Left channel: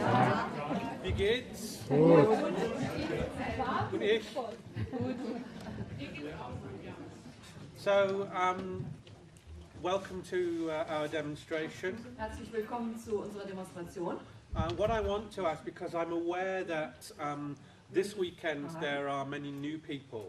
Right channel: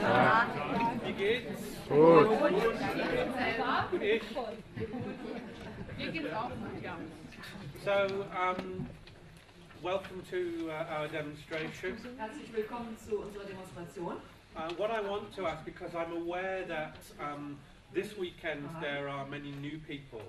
Tag. Wie geht's? Gut. So, welcome to our demonstration. Herzlich willkommen zu unserer Demonstration. What I want to ask, because I'm aware that this weekend there are many new people.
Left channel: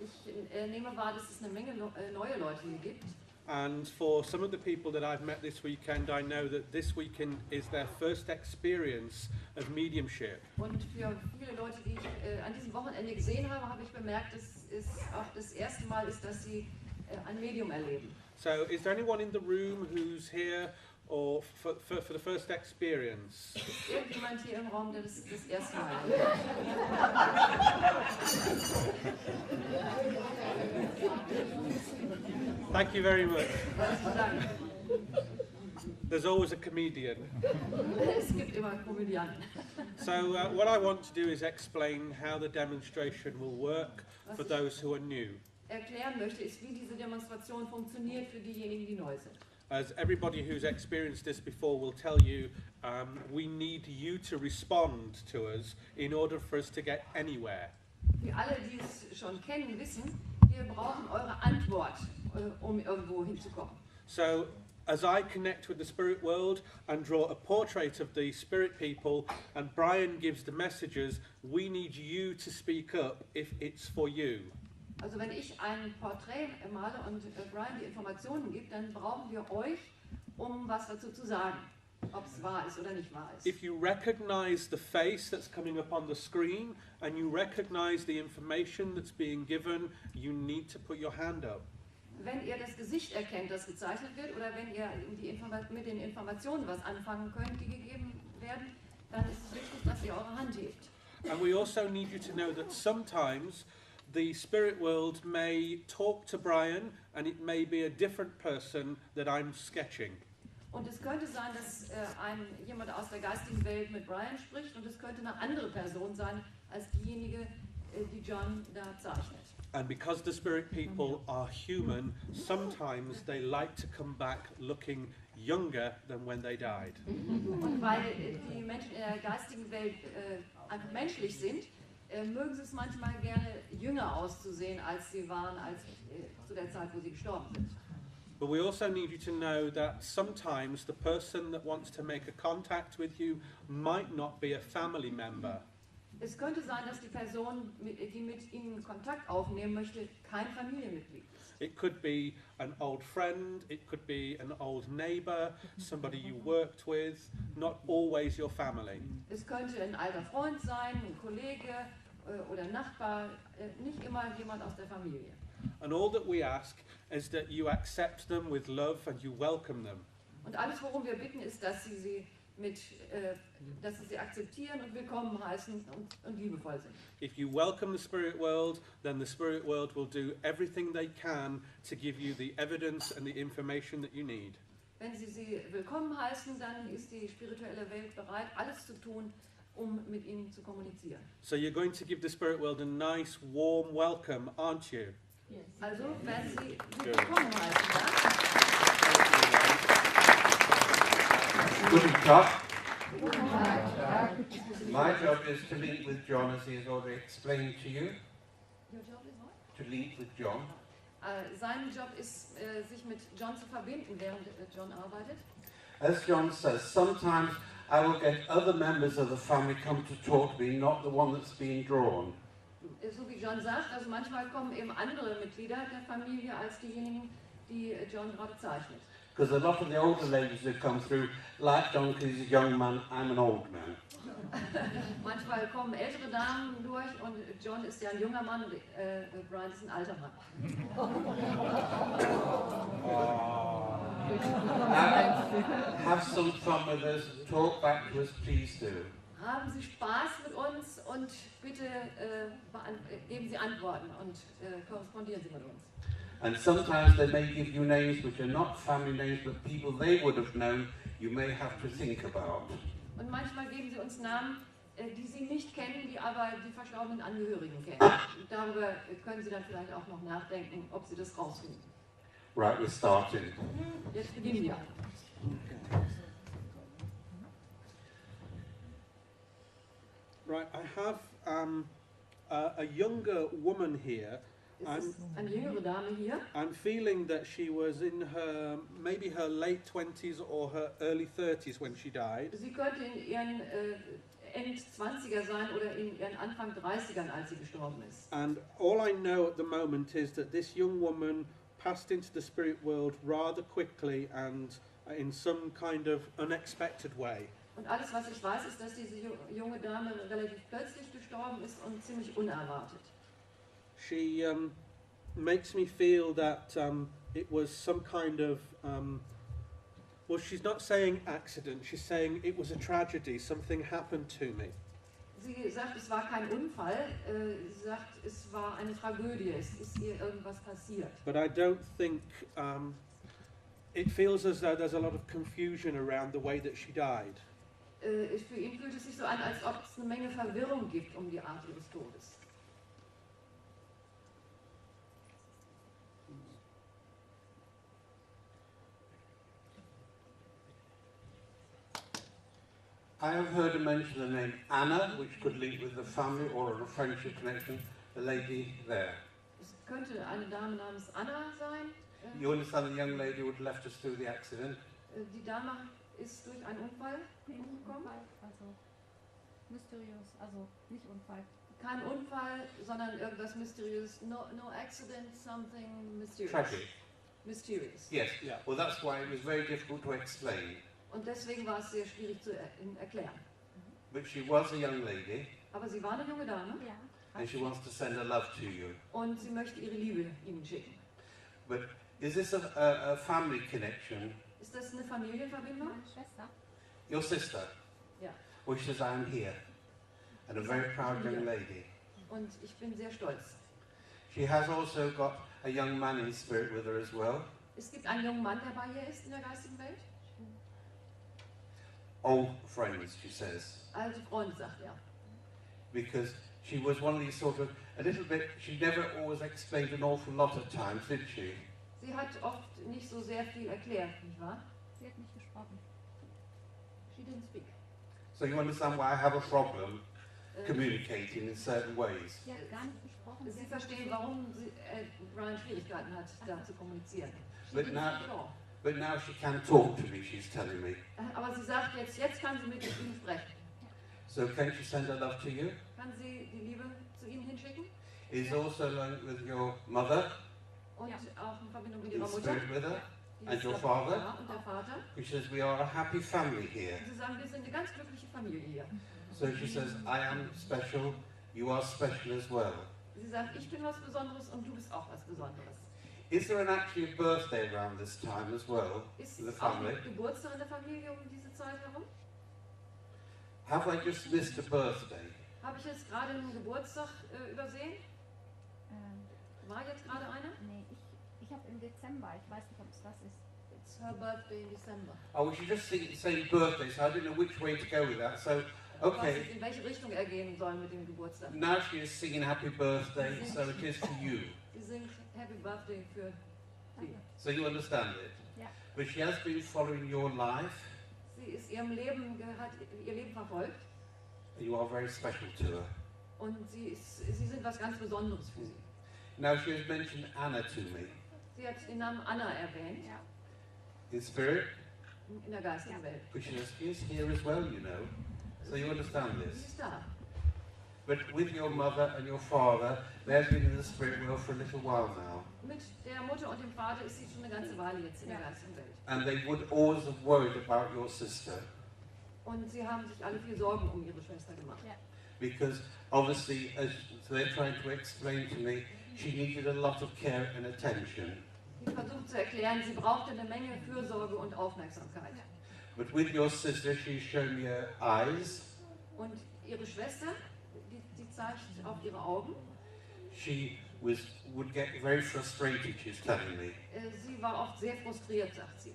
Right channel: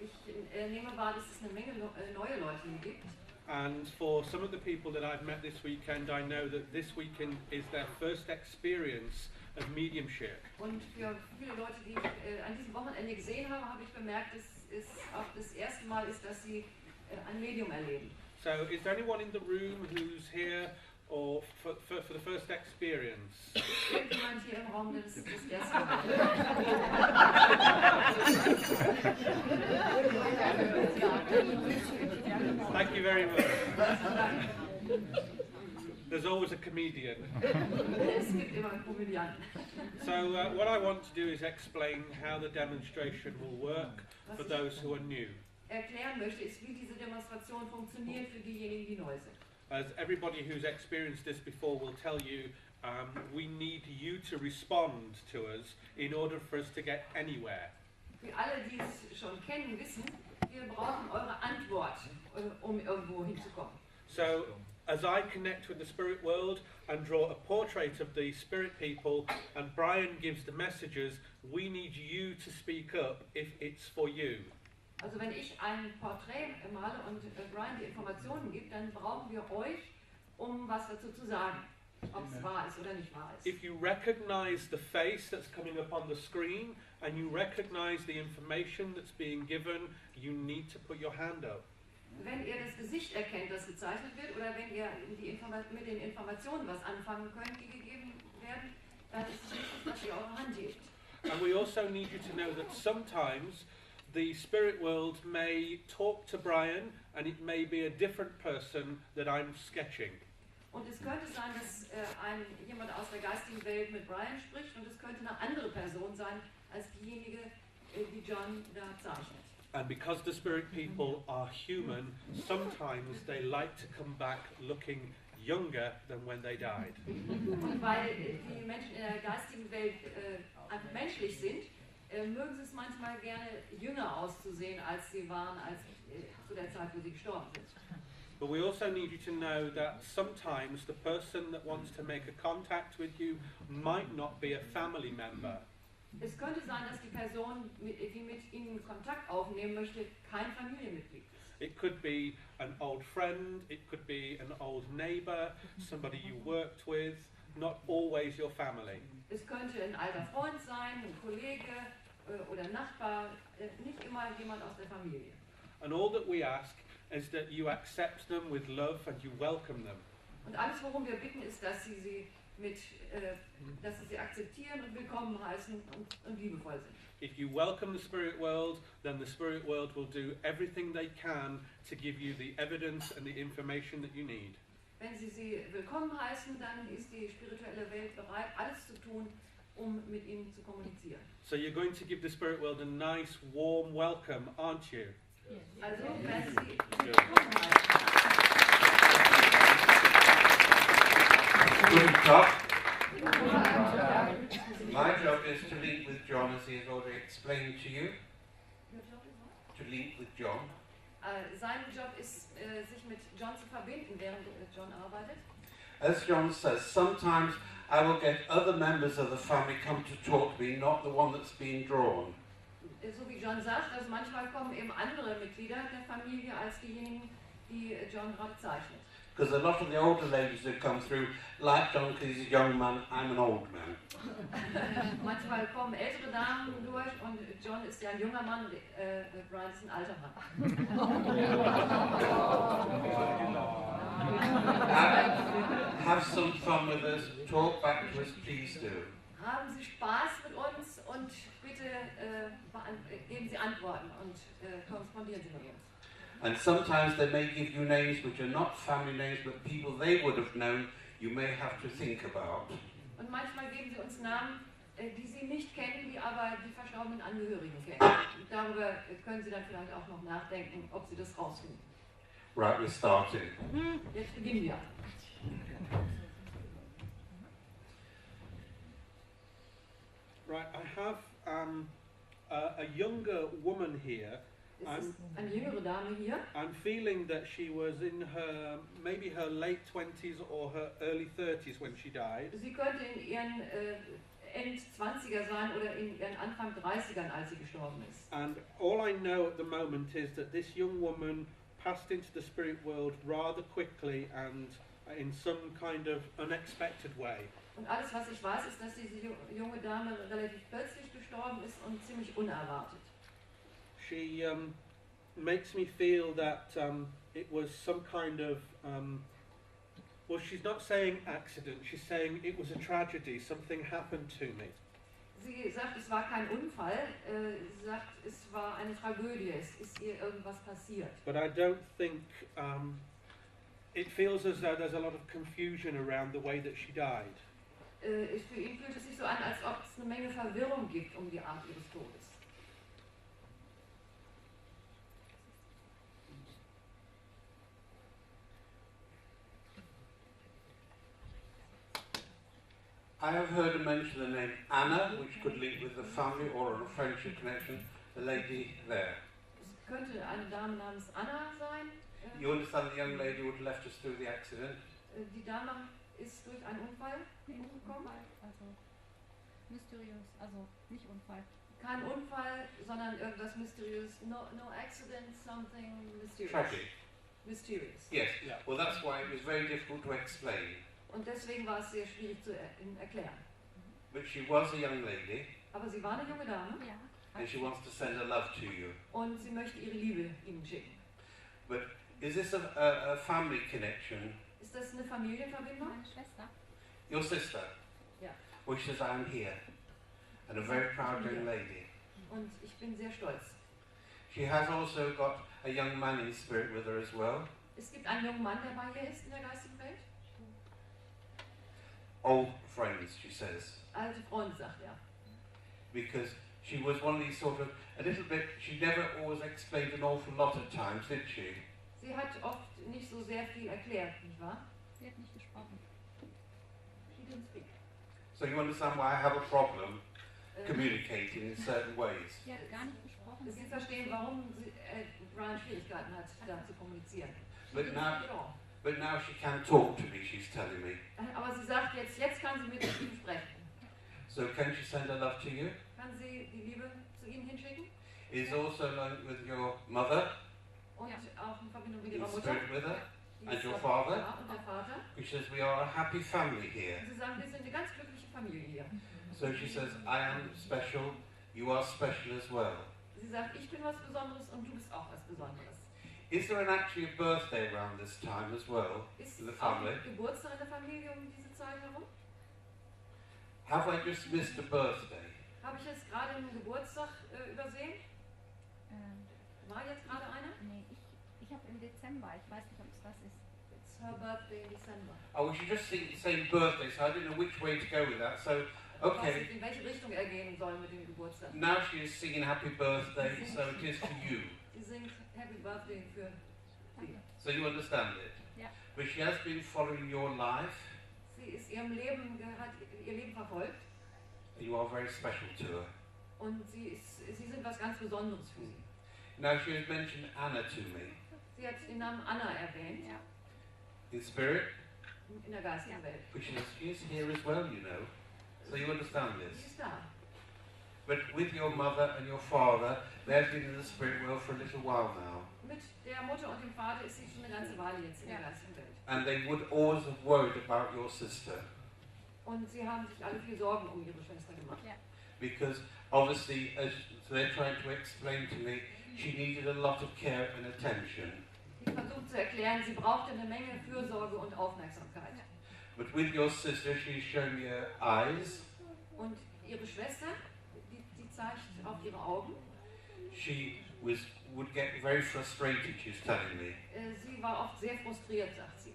Ich nehme wahr, dass es eine Menge neue Leute hier gibt. And for some of the people that I've met this weekend, I know that this weekend is their first experience of mediumship. Und für viele Leute, die ich an diesem Wochenende gesehen habe, habe ich bemerkt, dass es auch das erste Mal ist, dass sie ein Medium erleben. So, is there anyone in the room who's here or for the first experience? Jemand hier im Raum, der das erste Mal Thank you very much. There's always a comedian. Es gibt immer einen Komödianten. So what I want to do is explain how the demonstration will work for those who are new. Erklären möchte, ist, wie diese Demonstration funktioniert für diejenigen, die neu sind. As everybody who's experienced this before will tell you, we need you to respond to us in order for us to get anywhere. Wie alle, die es schon kennen, wissen, wir brauchen eure Antwort, um irgendwo hinzukommen. So, as I connect with the spirit world and draw a portrait of the spirit people, and Bryan gives the messages, we need you to speak up if it's for you. Also wenn ich ein Porträt male und Bryan die Informationen gibt, dann brauchen wir euch, um was dazu zu sagen, ob es wahr ist oder nicht wahr ist. If you recognize the face that's coming up on the screen and you recognize the information that's being given, you need to put your hand up. Wenn ihr das Gesicht erkennt, das gezeichnet wird, oder wenn ihr mit den Informationen was anfangen könnt, die gegeben werden, dann ist es wichtig, dass ihr eure Hand hebt. And we also need you to know that sometimes the spirit world may talk to Bryan and it may be a different person that I'm sketching. Und es könnte sein, dass jemand aus der geistigen Welt mit Bryan spricht, und es könnte eine andere Person sein als diejenige, die John da zeichnet. And because the spirit people are human, sometimes they like to come back looking younger than when they died. Und weil die Menschen in der geistigen Welt menschlich sind, mögen sie es manchmal gerne jünger auszusehen, als sie waren, zu der Zeit, wo sie gestorben sind. But we also need you to know that sometimes the person that wants to make a contact with you might not be a family member. Es könnte sein, dass die Person, die mit Ihnen Kontakt aufnehmen möchte, kein Familienmitglied ist. It could be an old friend, it could be an old neighbor, somebody you worked with, not always your family. Es könnte ein alter Freund sein, ein Kollege oder Nachbar, nicht immer jemand aus der Familie. And all that we ask is that you accept them with love and you welcome them. Und alles, worum wir bitten, ist, dass Sie sie akzeptieren und willkommen heißen und liebevoll sind. If you welcome the spirit world, then the spirit world will do everything they can to give you the evidence and the information that you need. Wenn Sie willkommen heißen, dann ist die spirituelle Welt bereit, alles zu tun, um mit Ihnen zu kommunizieren. So you're going to give the spirit world a nice, warm welcome, aren't you? Also werden Sie willkommen heißen. Guten Tag. My job is to link with John, as he has already explained to you. To link with John. Sein Job ist, sich mit John zu verbinden, während John arbeitet. As John says, sometimes I will get other members of the family come to talk to me, not the one that's been drawn. So wie John sagt, also manchmal kommen eben andere Mitglieder der Familie als diejenigen, die John gerade zeichnet. Because a lot of the older ladies who come through, like John, because he's a young man, I'm an old man. Manchmal kommen ältere Damen durch und John ist ja ein junger Mann und Bryan ist ein alter Mann. Have some fun with us, talk back to us, please do. Haben Sie Spaß mit uns und bitte geben Sie Antworten und korrespondieren Sie mit uns. And sometimes they may give you names which are not family names, but people they would have known you may have to think about. Und manchmal geben Sie uns Namen, die Sie nicht kennen, die aber die verstorbenen Angehörigen kennen. Und darüber können Sie dann vielleicht auch noch nachdenken, ob Sie das rausfinden. Right, we're starting. Jetzt beginnen wir. Right, I have a younger woman here. Es ist eine jüngere Dame hier. I'm feeling that she was in maybe her late 20s or her early 30s when she died. Sie könnte in ihren End-20er sein oder in ihren Anfang 30ern, als sie gestorben ist. And all I know at the moment is that this young woman passed into the spirit world rather quickly and in some kind of unexpected way. Und alles, was ich weiß, ist, dass diese junge Dame relativ plötzlich gestorben ist und ziemlich unerwartet. She makes me feel that it was some kind of, well, she's not saying accident, she's saying it was a tragedy, something happened to me. Sie sagt, es war kein Unfall, sie sagt, es war eine Tragödie, es ist ihr irgendwas passiert. But I don't think, it feels as though there's a lot of confusion around the way that she died. Für ihn fühlt es sich so an, als ob es eine Menge Verwirrung gibt um die Art ihres Todes. I have heard her mention the name Anna, which could lead with a family or a friendship connection, the lady there. Es könnte eine Dame namens Anna sein. You understand the young lady who left us through the accident? Die Dame ist durch einen Unfall umgekommen. Also mysteriös, also nicht Unfall. Kein Unfall, sondern irgendwas mysteriös. No accident, something mysterious. Tragic. Mysterious. Yes. Yeah. Well, that's why it was very difficult to explain. Und deswegen war es sehr schwierig zu erklären. But she was a young lady, Aber sie war eine junge Dame Ja. and she wants to send her love to you. und sie möchte ihre Liebe Ihnen schicken. But is this a family connection? Ist das eine Familienverbindung? Meine Schwester. Your sister? Ja. Well, she says, I am here. And a very proud young lady. Und ich bin sehr stolz. She has also got a young man in spirit with her as well. Es gibt einen jungen Mann, der bei ihr ist in der geistigen Welt. Old friends, she says. Alte Freunde, sagt er. Because she was one of these sort of, a little bit, she never always explained an awful lot of times, did she? Sie hat oft nicht so sehr viel erklärt, nicht wahr? Sie hat nicht gesprochen. She didn't speak. So you understand why I have a problem communicating in certain ways. Sie hat gar nicht gesprochen. Sie verstehen, warum Bryan Schwierigkeiten hat, da zu kommunizieren. But She now- didn't speak at all. But now she can talk to me, she's telling me. Aber sie sagt, jetzt kann sie mit ihm sprechen. So can she send her love to you? Kann sie die Liebe zu Ihnen hinschicken? Is also linked with your mother, Und auch in Verbindung mit in ihrer Mutter. spirit with her. Die and ist your der father? Vater und der Vater. She says, we are a happy family here. Sie sagen, wir sind eine ganz glückliche Familie hier. So she says, I am special, you are special as well. Sie sagt, ich bin was Besonderes und du bist auch was Besonderes. Is there actually a birthday around this time as well Ist for the es auch family? ein Geburtstag in der Familie um diese Zeit herum? Have I just missed a birthday? Habe ich jetzt gerade einen Geburtstag übersehen? War jetzt gerade einer? Nee, ich habe im Dezember, ich weiß nicht, ob es was ist. It's her birthday in December. Oh, well, she just saying birthday, so I don't know which way to go with that. So, Was okay, es in welche Richtung er gehen soll mit dem Geburtstag. now she is singing happy birthday, so it is to you. Sie singt Happy Birthday für sie. So you understand it? Yeah. But she has been following your life, Sie ist ihrem Leben, hat ihr Leben verfolgt and you are very special to her. und sie sind was ganz Besonderes für sie. Now she has mentioned Anna to me. Sie hat den Namen Anna erwähnt, Ja. In spirit, in der geistigen Welt. which is here as well, you know. So you understand Sie this. ist da. But with your mother and your father, they have been in the spirit world for a little while now. Mit der Mutter und dem Vater ist sie schon eine ganze Weile jetzt in der geistigen Welt. And they would always have worried about your sister. Und sie haben sich alle viel Sorgen um ihre Schwester gemacht. Because obviously, as they're trying to explain to me, she needed a lot of care and attention. Sie versucht zu erklären, sie brauchte eine Menge Fürsorge und Aufmerksamkeit. But with your sister, she's shown me her eyes. Und ihre Schwester, die zeigt auf ihre Augen. She would get very frustrated, she's telling me. Sie war oft sehr frustriert, sagt sie.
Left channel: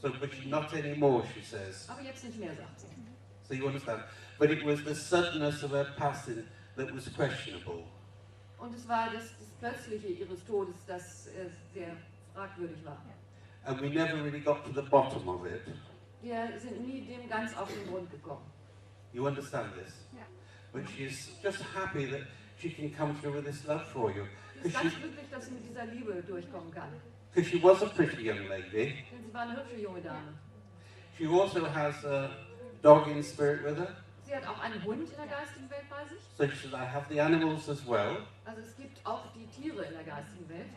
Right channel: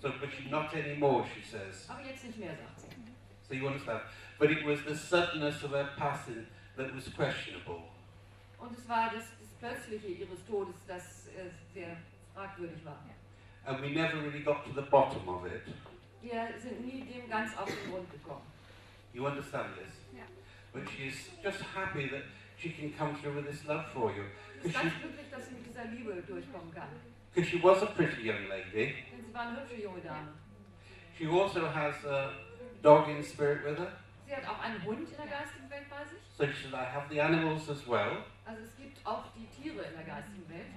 So, but she not anymore, she says. Aber jetzt nicht mehr, sagt sie. So you understand? But it was the suddenness of her passing that was questionable. Und es war das Plötzliche ihres Todes, das sehr fragwürdig war. And we never really got to the bottom of it. Wir sind nie dem ganz auf den Grund gekommen. You understand this? Yeah. but she's just happy that she can come through with this love for you. Sie ist ganz glücklich, dass sie mit dieser Liebe durchkommen kann. Because she was a pretty young lady. Denn sie war eine hübsche junge Dame. She also has a dog in spirit with her. Sie hat auch einen Hund in der geistigen Welt bei sich. So she said, I have the animals as well. Also es gibt auch die Tiere in der geistigen Welt.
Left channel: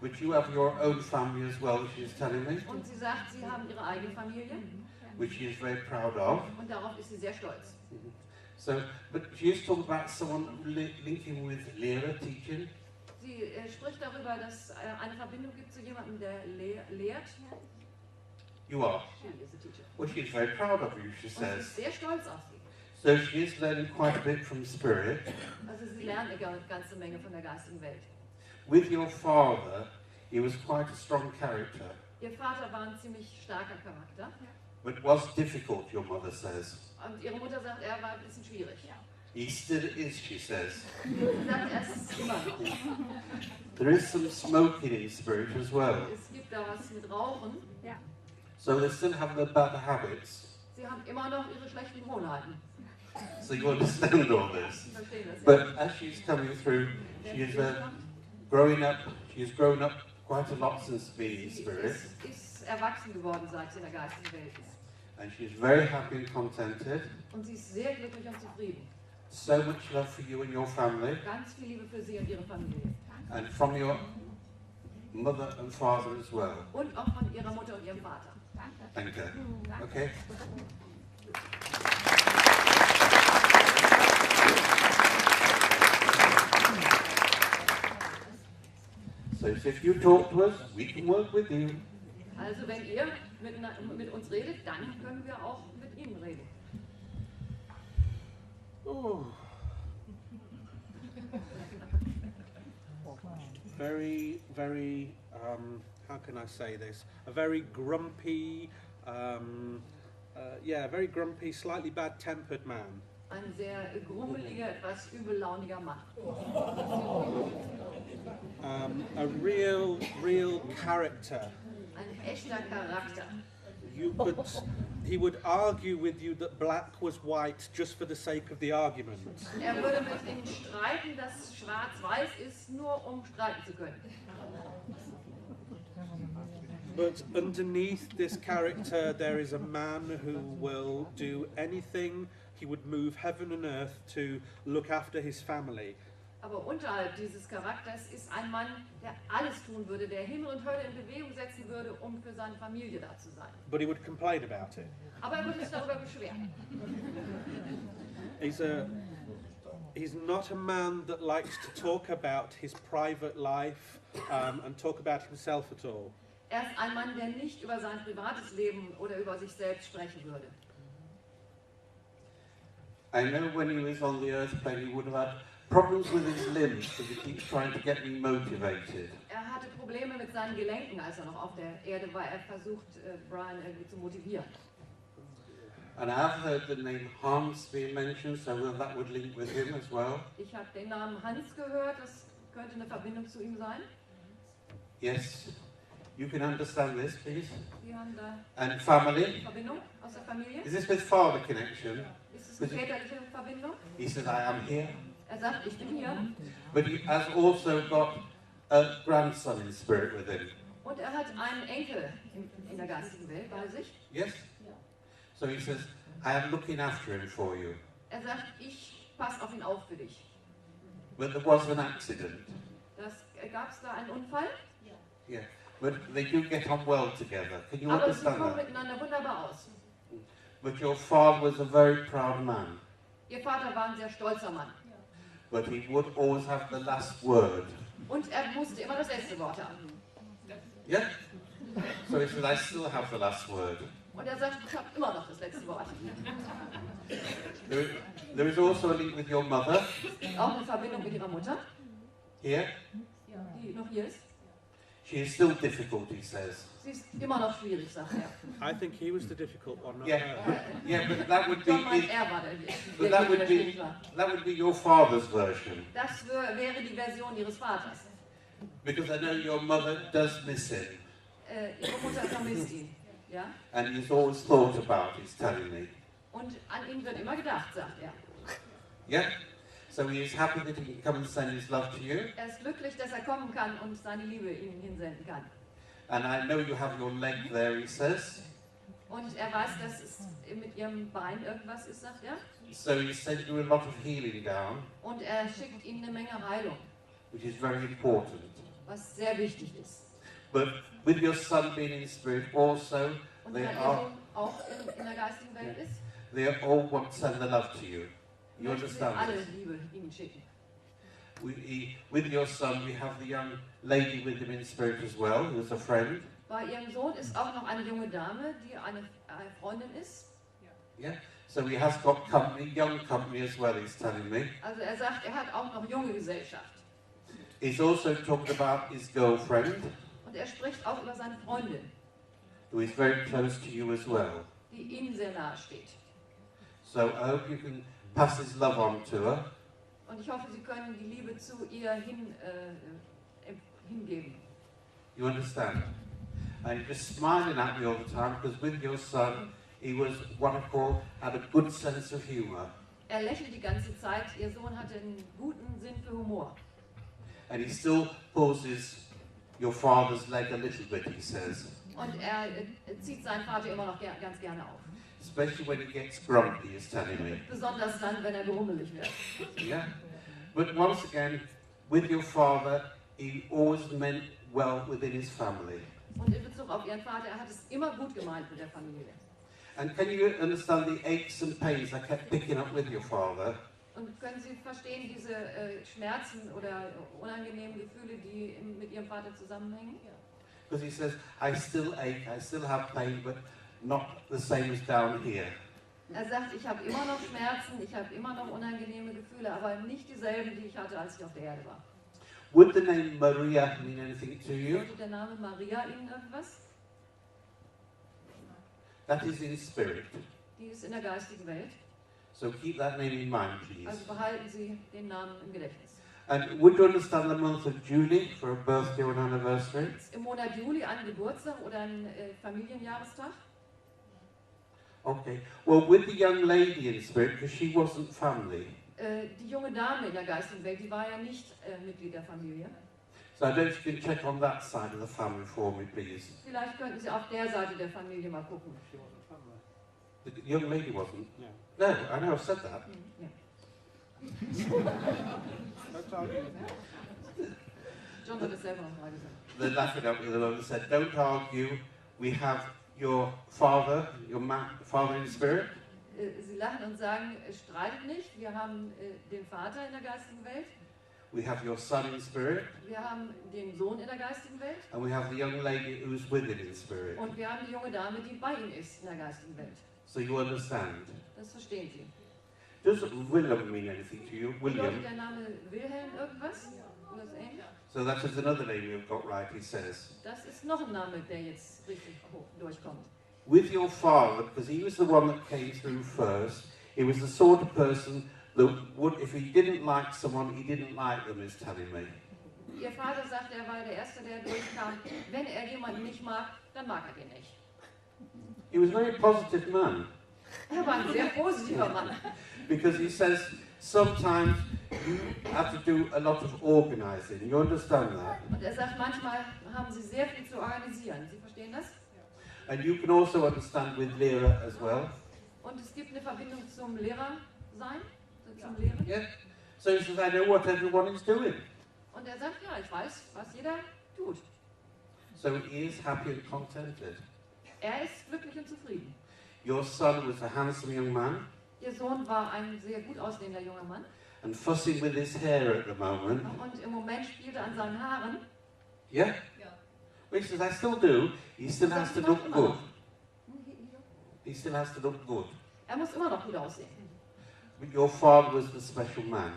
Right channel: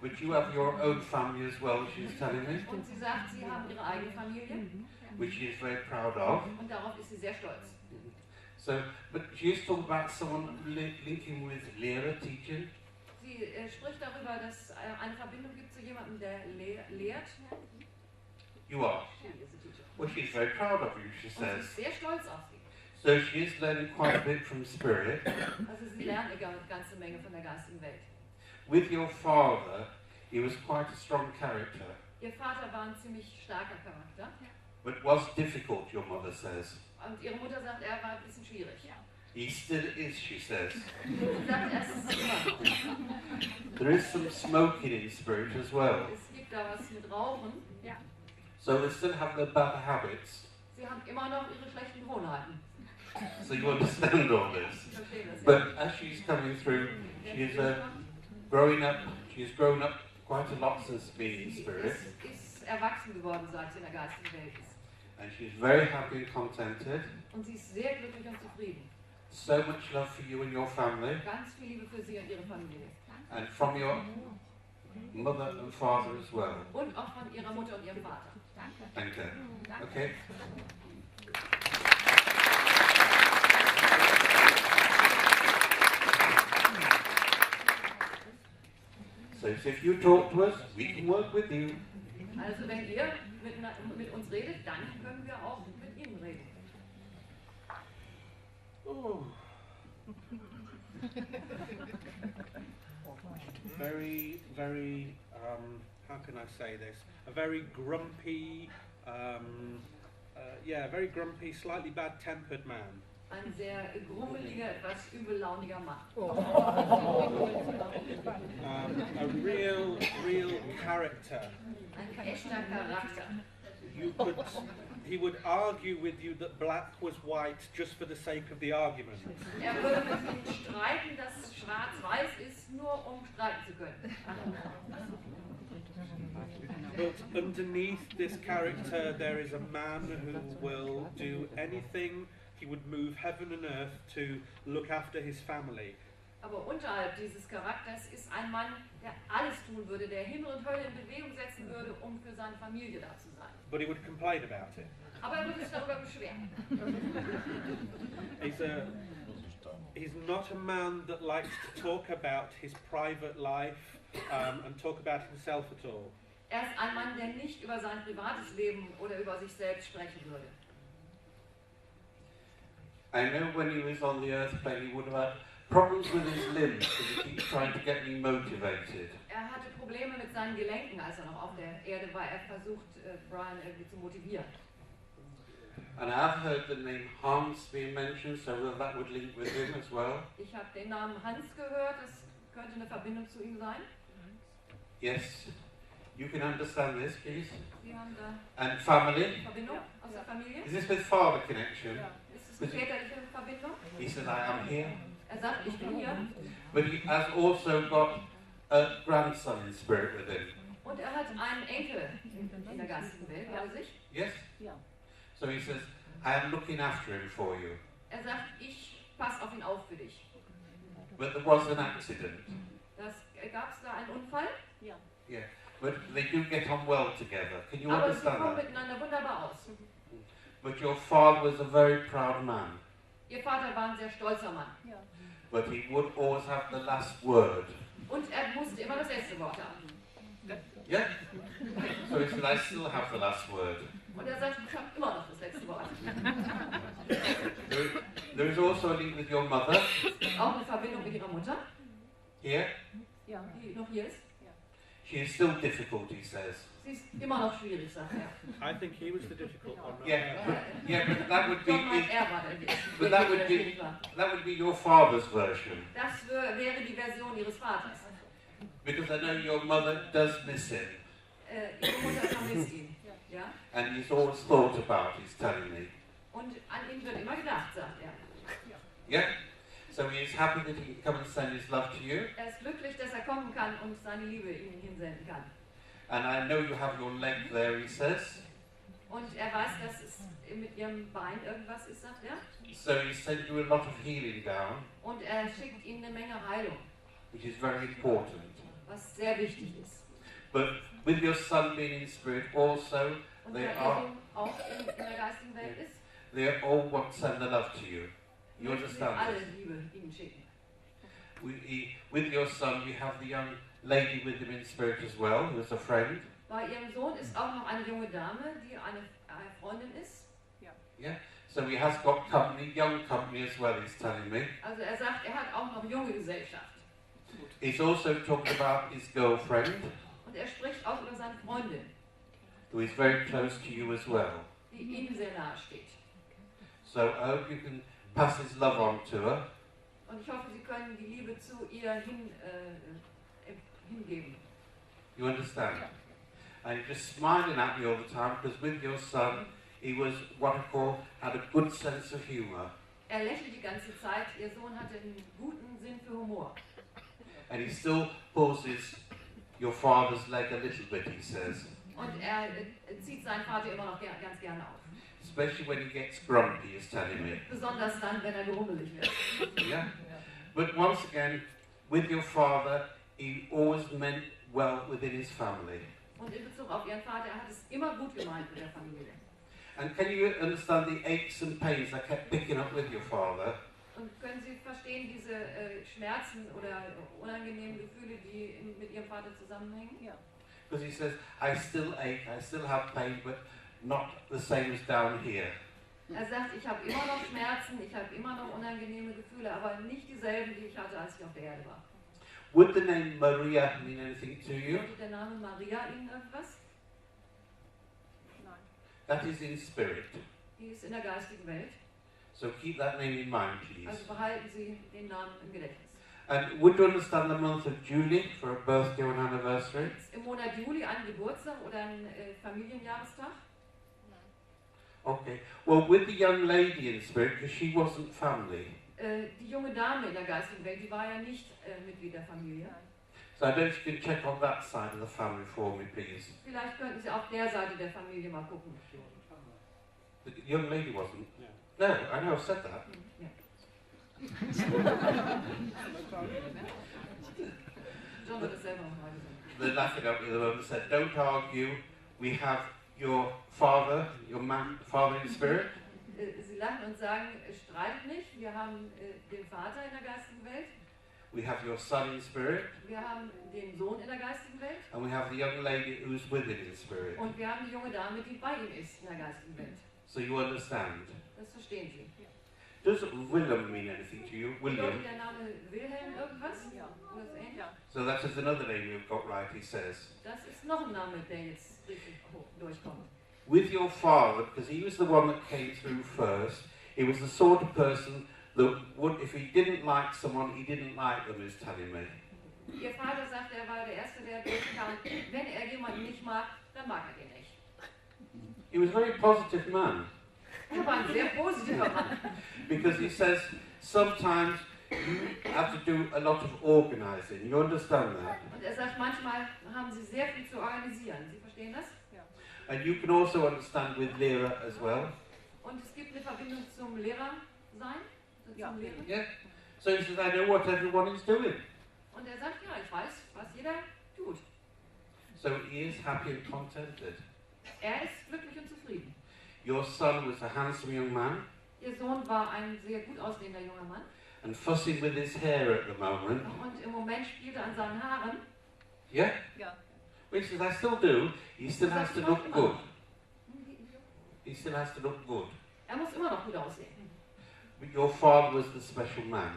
But you have your own family as well, she's telling me, Und sie sagt, sie haben ihre eigene Familie. which she is very proud of. Und darauf ist sie sehr stolz. So, but she used to talk about someone linking with Lehrer teaching. Sie spricht darüber, dass eine Verbindung gibt zu jemandem, der lehrt. You are. She is a teacher. Well, she's very proud of you, she Und sie says. ist sehr stolz auf sie. So she is learning quite a bit from spirit. Also sie lernt eine ganze Menge von der geistigen Welt. With your father, he was quite a strong character, Ihr Vater war ein ziemlich starker Charakter. but was difficult, your mother says. Und ihre Mutter sagt, er war ein bisschen schwierig. He still is, she says. Sie sagt, er ist es immer noch. There is some smoking in spirit as well. Es gibt da was mit Rauchen. So they still have their bad habits. Sie haben immer noch ihre schlechten Gewohnheiten. So you understand all this. Ich verstehe das. But as she's coming through, she is growing up. She's grown up quite a lot since being in Sie spirit. ist erwachsen geworden, sagt sie, in der geistigen Welt. And she's very happy and contented. Und sie ist sehr glücklich und zufrieden. So much love for you and your family. Ganz viel Liebe für sie und ihre Familie. And from your mother and father as well. Und auch von ihrer Mutter und ihrem Vater. Thank you. Okay. So if you talk to us, we can work with you. Also wenn ihr mit uns redet, dann können wir auch mit ihnen reden. Oh. Very, very, how can I say this? A very grumpy, very grumpy, slightly bad-tempered man. Ein sehr grummeliger, etwas übellauniger Mann. A real character. Ein echter Charakter. He would argue with you that black was white just for the sake of the argument. Würde mit Ihnen streiten, dass schwarz-weiß ist, nur um streiten zu können. But underneath this character there is a man who will do anything. He would move heaven and earth to look after his family. Aber unterhalb dieses Charakters ist ein Mann, der alles tun würde, der Himmel und Hölle in Bewegung setzen würde, um für seine Familie da zu sein. But he would complain about it. Aber würde sich darüber beschweren. He's not a man that likes to talk about his private life and talk about himself at all. Ist ein Mann, der nicht über sein privates Leben oder über sich selbst sprechen würde. I know when he was on the earth plane, he would have had problems with his limbs because he keeps trying to get me motivated. Hatte Probleme mit seinen Gelenken, als noch auf der Erde war. Versucht, Bryan irgendwie zu motivieren. And I've heard the name Hans being mentioned, so that would link with him as well. Ich habe den Namen Hans gehört, das könnte eine Verbindung zu ihm sein. Yes, you can understand this, please. Sie haben da And family. Verbindung aus der Familie. Is this with father connection? Ist es väterliche Verbindung? He said, I am here. Sagt, ich bin hier. But he has also got a grandson in spirit with him. Und hat einen Enkel in der geistigen Welt bei sich. Yes? So he says, I am looking after him for you. Sagt, ich passe auf ihn auf für dich. But there was an accident. Gab es da einen Unfall? Yeah. But they do get on well together. Can you Aber sie understand kommen that? miteinander wunderbar aus. But your father was a very proud man. Ihr Vater war ein sehr stolzer Mann. But he would always have the last word. Und musste immer das letzte Wort haben. Yeah? So he said, I still have the last word. Und sagt, ich habe immer noch das letzte Wort. There is also a link with your mother. Auch in Verbindung mit ihrer Mutter, Here. die noch hier ist. She is still difficult, he says. Sie ist immer noch schwierig, sagt er. I think he was the difficult one. not Yeah, her. but that would be John meint, er war but der, that would der be schwierig war. that would be your father's version. Das wäre die Version ihres Vaters. Because I know your mother does miss him. Ihre Mutter vermisst ihn. Ja? And he's always thought about, he's telling me. Und an ihn wird immer gedacht, sagt er. Yeah? So he is happy that he can come and send his love to you. Er ist glücklich, dass er kommen kann und seine Liebe Ihnen hinsenden kann. And I know you have your leg there, he says. Und er weiß, dass es mit Ihrem Bein irgendwas ist, sagt er. So he sent you a lot of healing down, Und er schickt Ihnen eine Menge Heilung, which is very important. was sehr wichtig ist. But with your son being in spirit also, Und they da Ihr are Sohn auch in der geistigen Welt ist, they all want to send the love to you. You möchten Sie understand alle this? Liebe Ihnen schicken. With your son, we have the young lady with him in spirit as well, who is a friend. Bei Ihrem Sohn ist auch noch eine junge Dame, die eine Freundin ist. So he has got company, young company as well, he's telling me. Also er sagt, er hat auch noch junge Gesellschaft. He's also talked about his girlfriend, Und er spricht auch über seine Freundin, who is very close to you as well. die Ihnen sehr nahe steht. So I hope you can pass his love on to her. Und ich hoffe, Sie können die Liebe zu ihr hingeben. You understand? And you're just smiling at me all the time because with your son, he was what I call had a good sense of humour. Er lächelt die ganze Zeit. Ihr Sohn hatte einen guten Sinn für Humor. And he still pulls your father's leg a little bit, he says. Und er zieht seinen Vater immer noch ganz gerne auf. Especially when he gets grumpy, he's telling me. Besonders dann, wenn er gerummelig wird. Yeah? But once again, with your father, he always meant well within his family. Und in Bezug auf Ihren Vater, er hat es immer gut gemeint mit der Familie. And can you understand the aches and pains I kept picking up with your father? Und können Sie verstehen diese Schmerzen oder unangenehmen Gefühle, die mit Ihrem Vater zusammenhängen? Ja. Because he says, I still ache, I still have pain, but not the same as down here. Er sagt, ich habe immer noch Schmerzen, ich habe immer noch unangenehme Gefühle, aber nicht dieselben, die ich hatte, als ich auf der Erde war. Would the name Maria mean anything to you? Sagt der Name Maria Ihnen irgendwas? Nein. That is in spirit. Die ist in der geistigen Welt. So keep that name in mind, please. Also behalten Sie den Namen im Gedächtnis. And would you understand the month of July for a birthday or an anniversary? Ist im Monat Juli ein Geburtstag oder ein Familienjahrestag? Okay. Well, with the young lady in spirit, because she wasn't family. Die junge Dame in der geistigen Welt, die war ja nicht Mitglied der Familie. So I don't know if you can check on that side of the family for me, please. Vielleicht könnten Sie auf der Seite der Familie mal gucken. The young lady wasn't? No, I know, I've said that. John hat es selber noch mal gesagt. They're laughing at me, the Lord said, don't argue, we have your father, father in spirit. Sie lachen und sagen, streitet nicht, wir haben den Vater in der geistigen Welt, We have your son in spirit, wir haben den Sohn in der geistigen Welt and we have the young lady who is with him in spirit. und wir haben die junge Dame, die bei ihm ist in der geistigen Welt. So you understand. Das verstehen Sie. Does William mean anything to you? William. Bedeutet der Name Wilhelm irgendwas? Ja. Oder so ähnlich? So that is another name you've got right, he says. Das ist noch ein Name, der jetzt richtig durchkommt. With your father, because he was the one that came through first, he was the sort of person that would, if he didn't like someone, he didn't like them, is telling me. Ihr Vater sagt, er war der Erste, der durchkam. Wenn er jemanden nicht mag, dann mag er den nicht. He was a very positive man. Er war ein sehr positiver Mann. Because he says, sometimes you have to do a lot of organizing. You understand that? Und er sagt, manchmal haben sie sehr viel zu organisieren. Sie verstehen das? Ja. And you can also understand with Lehrer as well. Und es gibt eine Verbindung zum Lehrer sein. Ja. Zum Lehrer. Yeah. So he says, I know what everyone is doing. Und er sagt, ja, ich weiß, was jeder tut. So he is happy and contented. Er ist glücklich und zufrieden. Your son was a handsome young man Ihr Sohn war ein sehr gut aussehender junger Mann. and fussing with his hair at the moment. Und im Moment spielt er an seinen Haaren. Yeah? Ja. Well, he says, I still do. He still has to look good. He still has to look good. Er muss immer noch gut aussehen. But your father was the special man.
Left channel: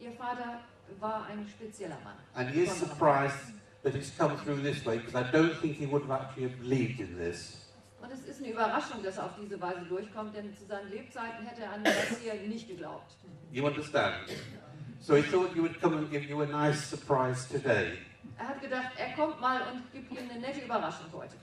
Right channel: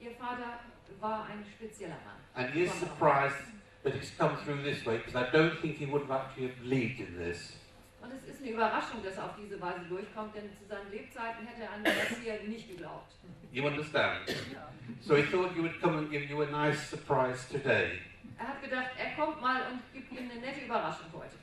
Ihr Vater war ein spezieller Mann. And he is surprised that he's come through this way, because I don't think he would have actually believed in this. Und es ist eine Überraschung, dass er auf diese Weise durchkommt, denn zu seinen Lebzeiten hätte er an das hier nicht geglaubt. You understand? Ja. So he thought he would come and give you a nice surprise today Er hat gedacht, er kommt mal und gibt ihm eine nette Überraschung heute.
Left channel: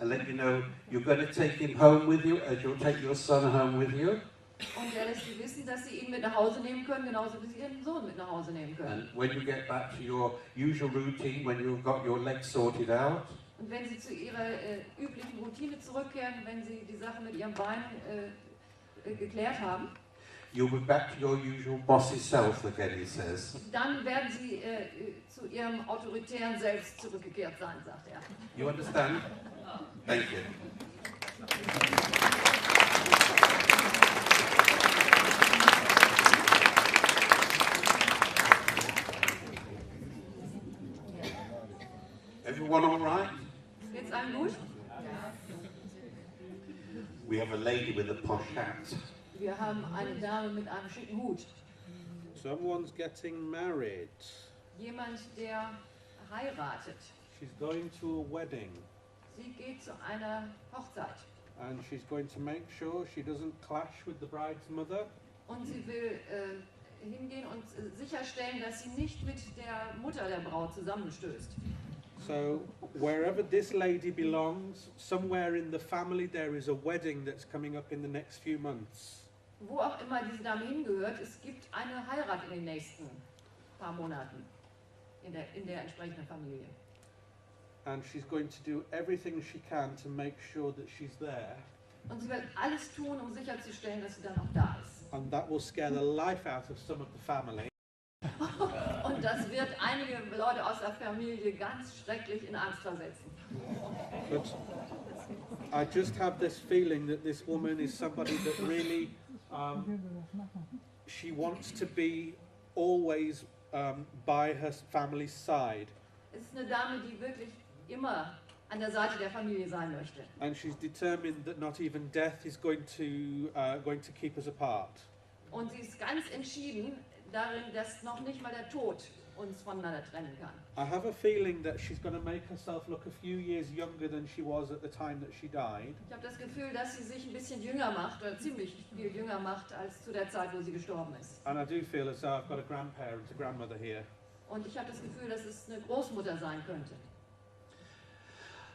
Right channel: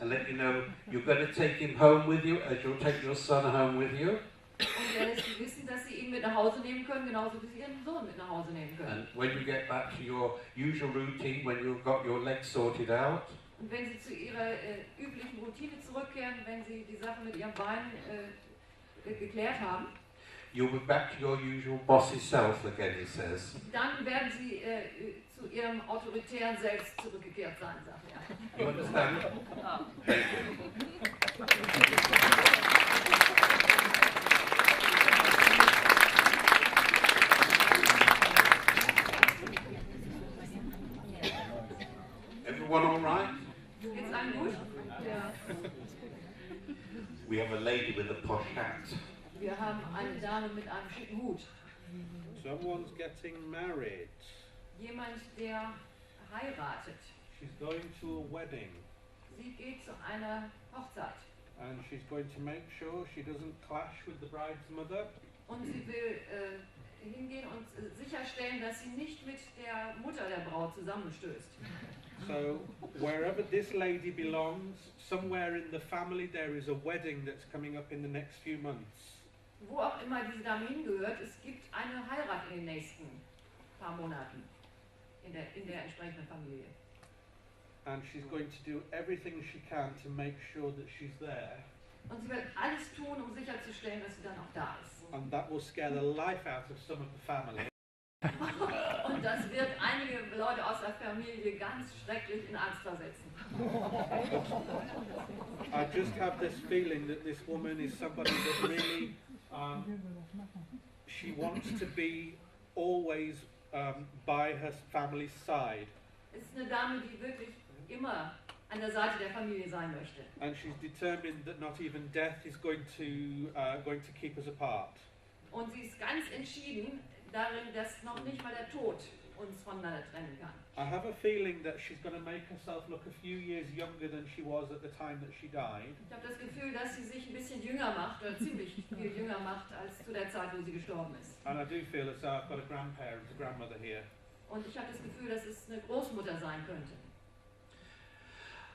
and let you know you're going to take him home with you, as you'll take your son home with you. Und er lässt sie wissen, dass sie ihn ihn mit nach Hause nehmen können, genauso wie sie ihren Sohn mit nach Hause nehmen können. And when you get back to your usual routine, when you've got your legs sorted out, Und wenn sie zu ihrer üblichen Routine zurückkehren, wenn sie die Sache mit ihrem Bein geklärt haben, you'll be back to your usual bossy self again, he says. dann werden sie zu ihrem autoritären Selbst zurückgekehrt sein, sagt er. You understand? Ja. Thank you. Everyone all right? Geht's allen gut? We have a lady with a posh hat. Wir haben eine Dame mit einem schicken Hut. Someone's getting married. Jemand, der heiratet. She's going to a wedding. Sie geht zu einer Hochzeit. And she's going to make sure she doesn't clash with the bride's mother. Und sie will hingehen und sicherstellen, dass sie nicht mit der Mutter der Braut zusammenstößt. So, wherever this lady belongs, somewhere in the family there is a wedding that's coming up in the next few months. Wo auch immer diese Dame hingehört, es gibt eine Heirat in den nächsten paar Monaten in der entsprechenden Familie. And she's going to do everything she can to make sure that she's there. Und sie wird alles tun, um sicherzustellen, dass sie dann auch da ist. And that will scare the life out of some of the family. Und das wird einige Leute aus der Familie ganz schrecklich in Angst versetzen. I just have this feeling that this woman is somebody that really, she wants to be always by her family's side. Es ist eine Dame, die wirklich immer an der Seite der Familie sein möchte. And she's determined that not even death is going to keep us apart. Und sie ist ganz entschieden darin, dass noch nicht mal der Tod uns voneinander trennen kann. I have a feeling that she's going to make herself look a few years younger than she was at the time that she died. Ich habe das Gefühl, dass sie sich ein bisschen jünger macht, oder ziemlich viel jünger macht, als zu der Zeit, wo sie gestorben ist. And I do feel as though I've got a grandparent, a grandmother here. Und ich habe das Gefühl, dass es eine Großmutter sein könnte.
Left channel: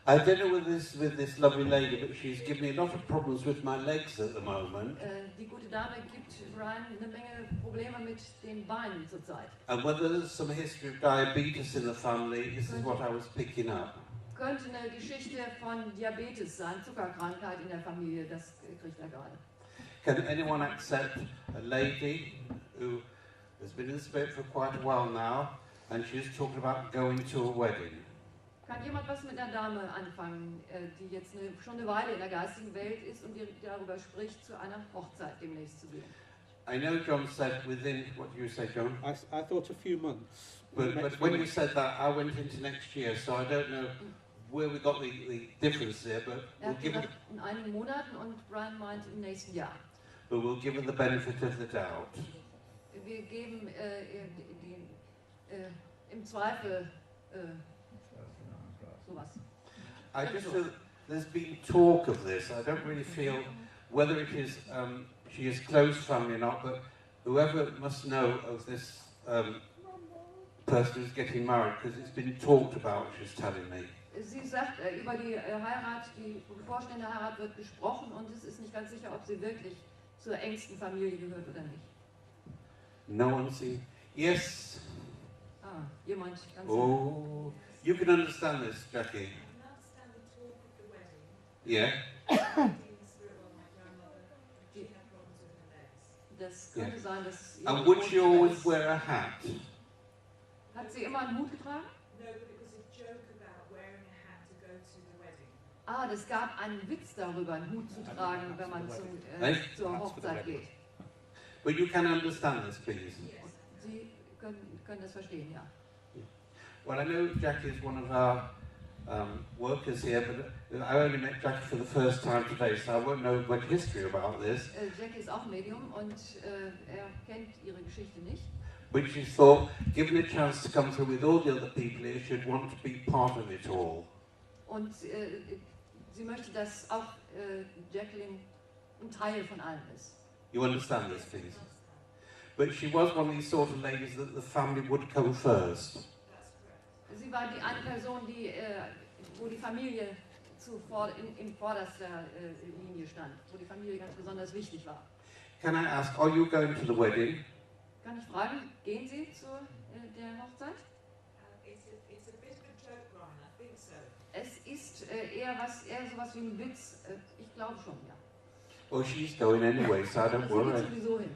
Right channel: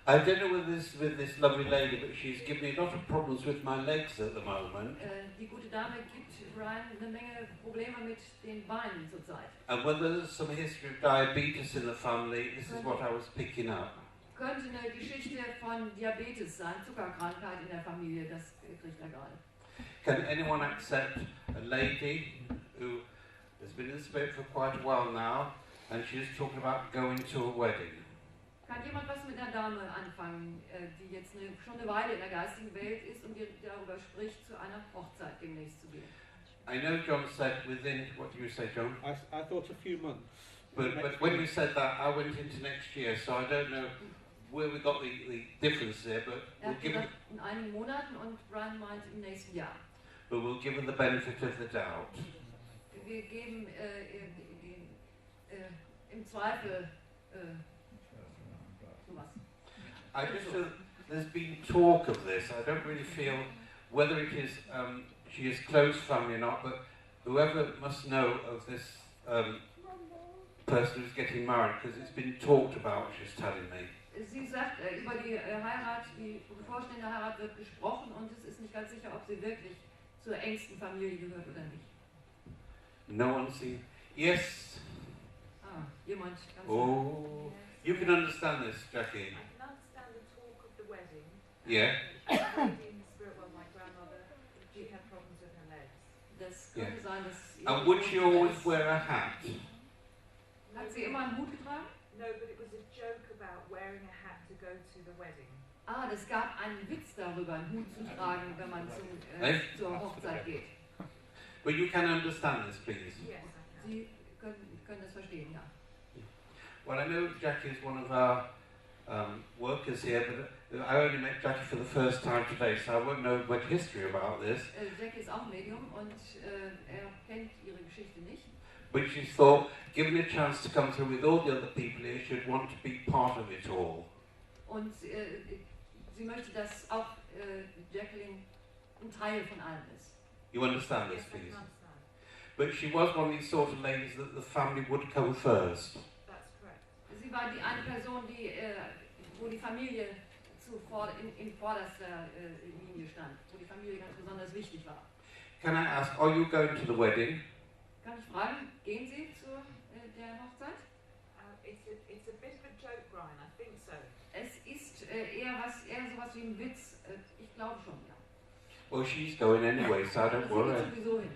I don't know with this lovely lady, but she's given me a lot of problems with my legs at the moment. Die gute Dame gibt Bryan eine Menge Probleme mit den Beinen zurzeit. And whether there's some history of diabetes in the family, this is what I was picking up. Könnte eine Geschichte von Diabetes sein, Zuckerkrankheit in der Familie, das kriegt er gerade. Can anyone accept a lady who has been in the spirit for quite a while now, and she's talking about going to a wedding? Kann jemand was mit einer Dame anfangen, die jetzt schon eine Weile in der geistigen Welt ist und die darüber spricht, zu einer Hochzeit demnächst zu gehen? I know John said within, what do you say, John? I thought a few months. But when you said that, I went into next year, so I don't know where we got the difference there, but Er we'll hat give gesagt, it, in einigen Monaten und Bryan meint im nächsten Jahr. but we'll give it the benefit of the doubt. Wir geben im Zweifel sowas. I just feel there's been talk of this. I don't really feel whether it is she is close family or not, but whoever must know of this person who's getting married, because it's been talked about, she's telling me. Sie sagt, über die Heirat, die bevorstehende Heirat wird gesprochen und es ist nicht ganz sicher, ob sie wirklich zur engsten Familie gehört oder nicht. No one sees. Yes. Ah, jemand ganz Oh, you can understand this, Jackie. I can understand the talk of the wedding. Yeah. The lady in the spirit was my grandmother, and she had problems with her legs. Das könnte sein, dass And would she always wear a hat? Hat sie immer einen Hut getragen? No, but it was a joke about wearing a hat to go to the wedding. Ah, es gab einen Witz darüber, einen Hut zu tragen, wenn man zur Hochzeit geht. But you can understand this, please. Yes, I can. Sie können das verstehen, ja. Well, I know Jackie is one of our workers here, but I only met Jackie for the first time today, so I won't know much history about this. Jackie ist auch Medium und er kennt ihre Geschichte nicht. But she thought, given a chance to come through with all the other people here, she'd want to be part of it all. Und sie möchte, dass auch Jacqueline ein Teil von allem ist. You understand this, Yes, I please? can understand. But she was one of these sort of ladies that the family would come first. That's correct. Sie war die eine Person, wo die Familie in vorderster Linie stand, wo die Familie ganz besonders wichtig war. Can I ask, are you going to the wedding? Kann ich fragen, gehen Sie zu der Hochzeit? It's a bit of a joke, Brian. I think so. Es ist eher sowas wie ein Witz. Ich glaube schon, ja. Well, she's going anyway, so I don't Sie worry. geht sowieso hin.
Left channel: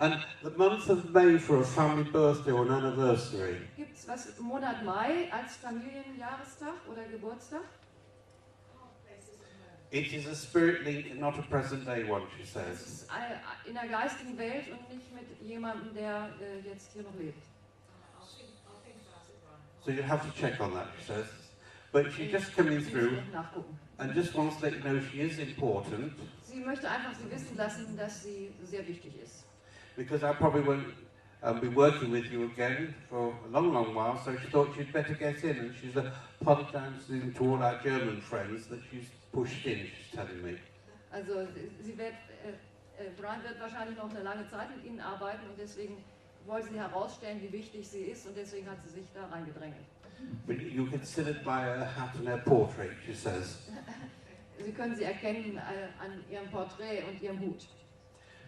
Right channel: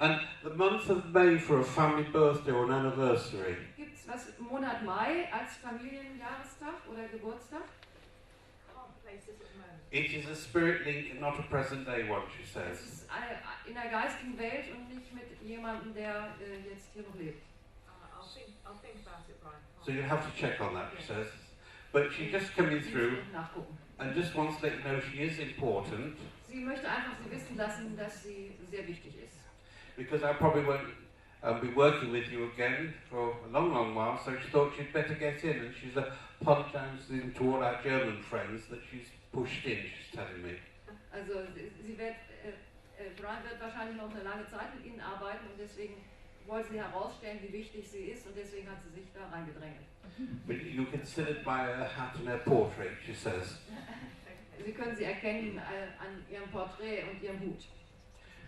And the month of May for a family birthday or an anniversary. Gibt es was im Monat Mai als Familienjahrestag oder Geburtstag? Can't place this at the moment. It is a spirit link, not a present day one, she Es says. ist in der geistigen Welt und nicht mit jemandem, der jetzt hier noch lebt. I'll think about it, Brian. So you'll have to check on that, she says. But she's just coming through Nachgucken. and just wants to let you know she is important, Sie möchte einfach Sie wissen lassen, dass sie sehr wichtig ist. because I probably won't be working with you again for a long, long while, so she thought she'd better get in, and she's apologizing to all our German friends that she's pushed in, she's telling me. Also Brian wird wahrscheinlich noch eine lange Zeit mit Ihnen arbeiten und deswegen wollte sie herausstellen, wie wichtig sie ist und deswegen hat sie sich da reingedrängelt. But you can still admire her hat and her portrait, she says. Sie können sie erkennen an ihrem Porträt und ihrem Hut.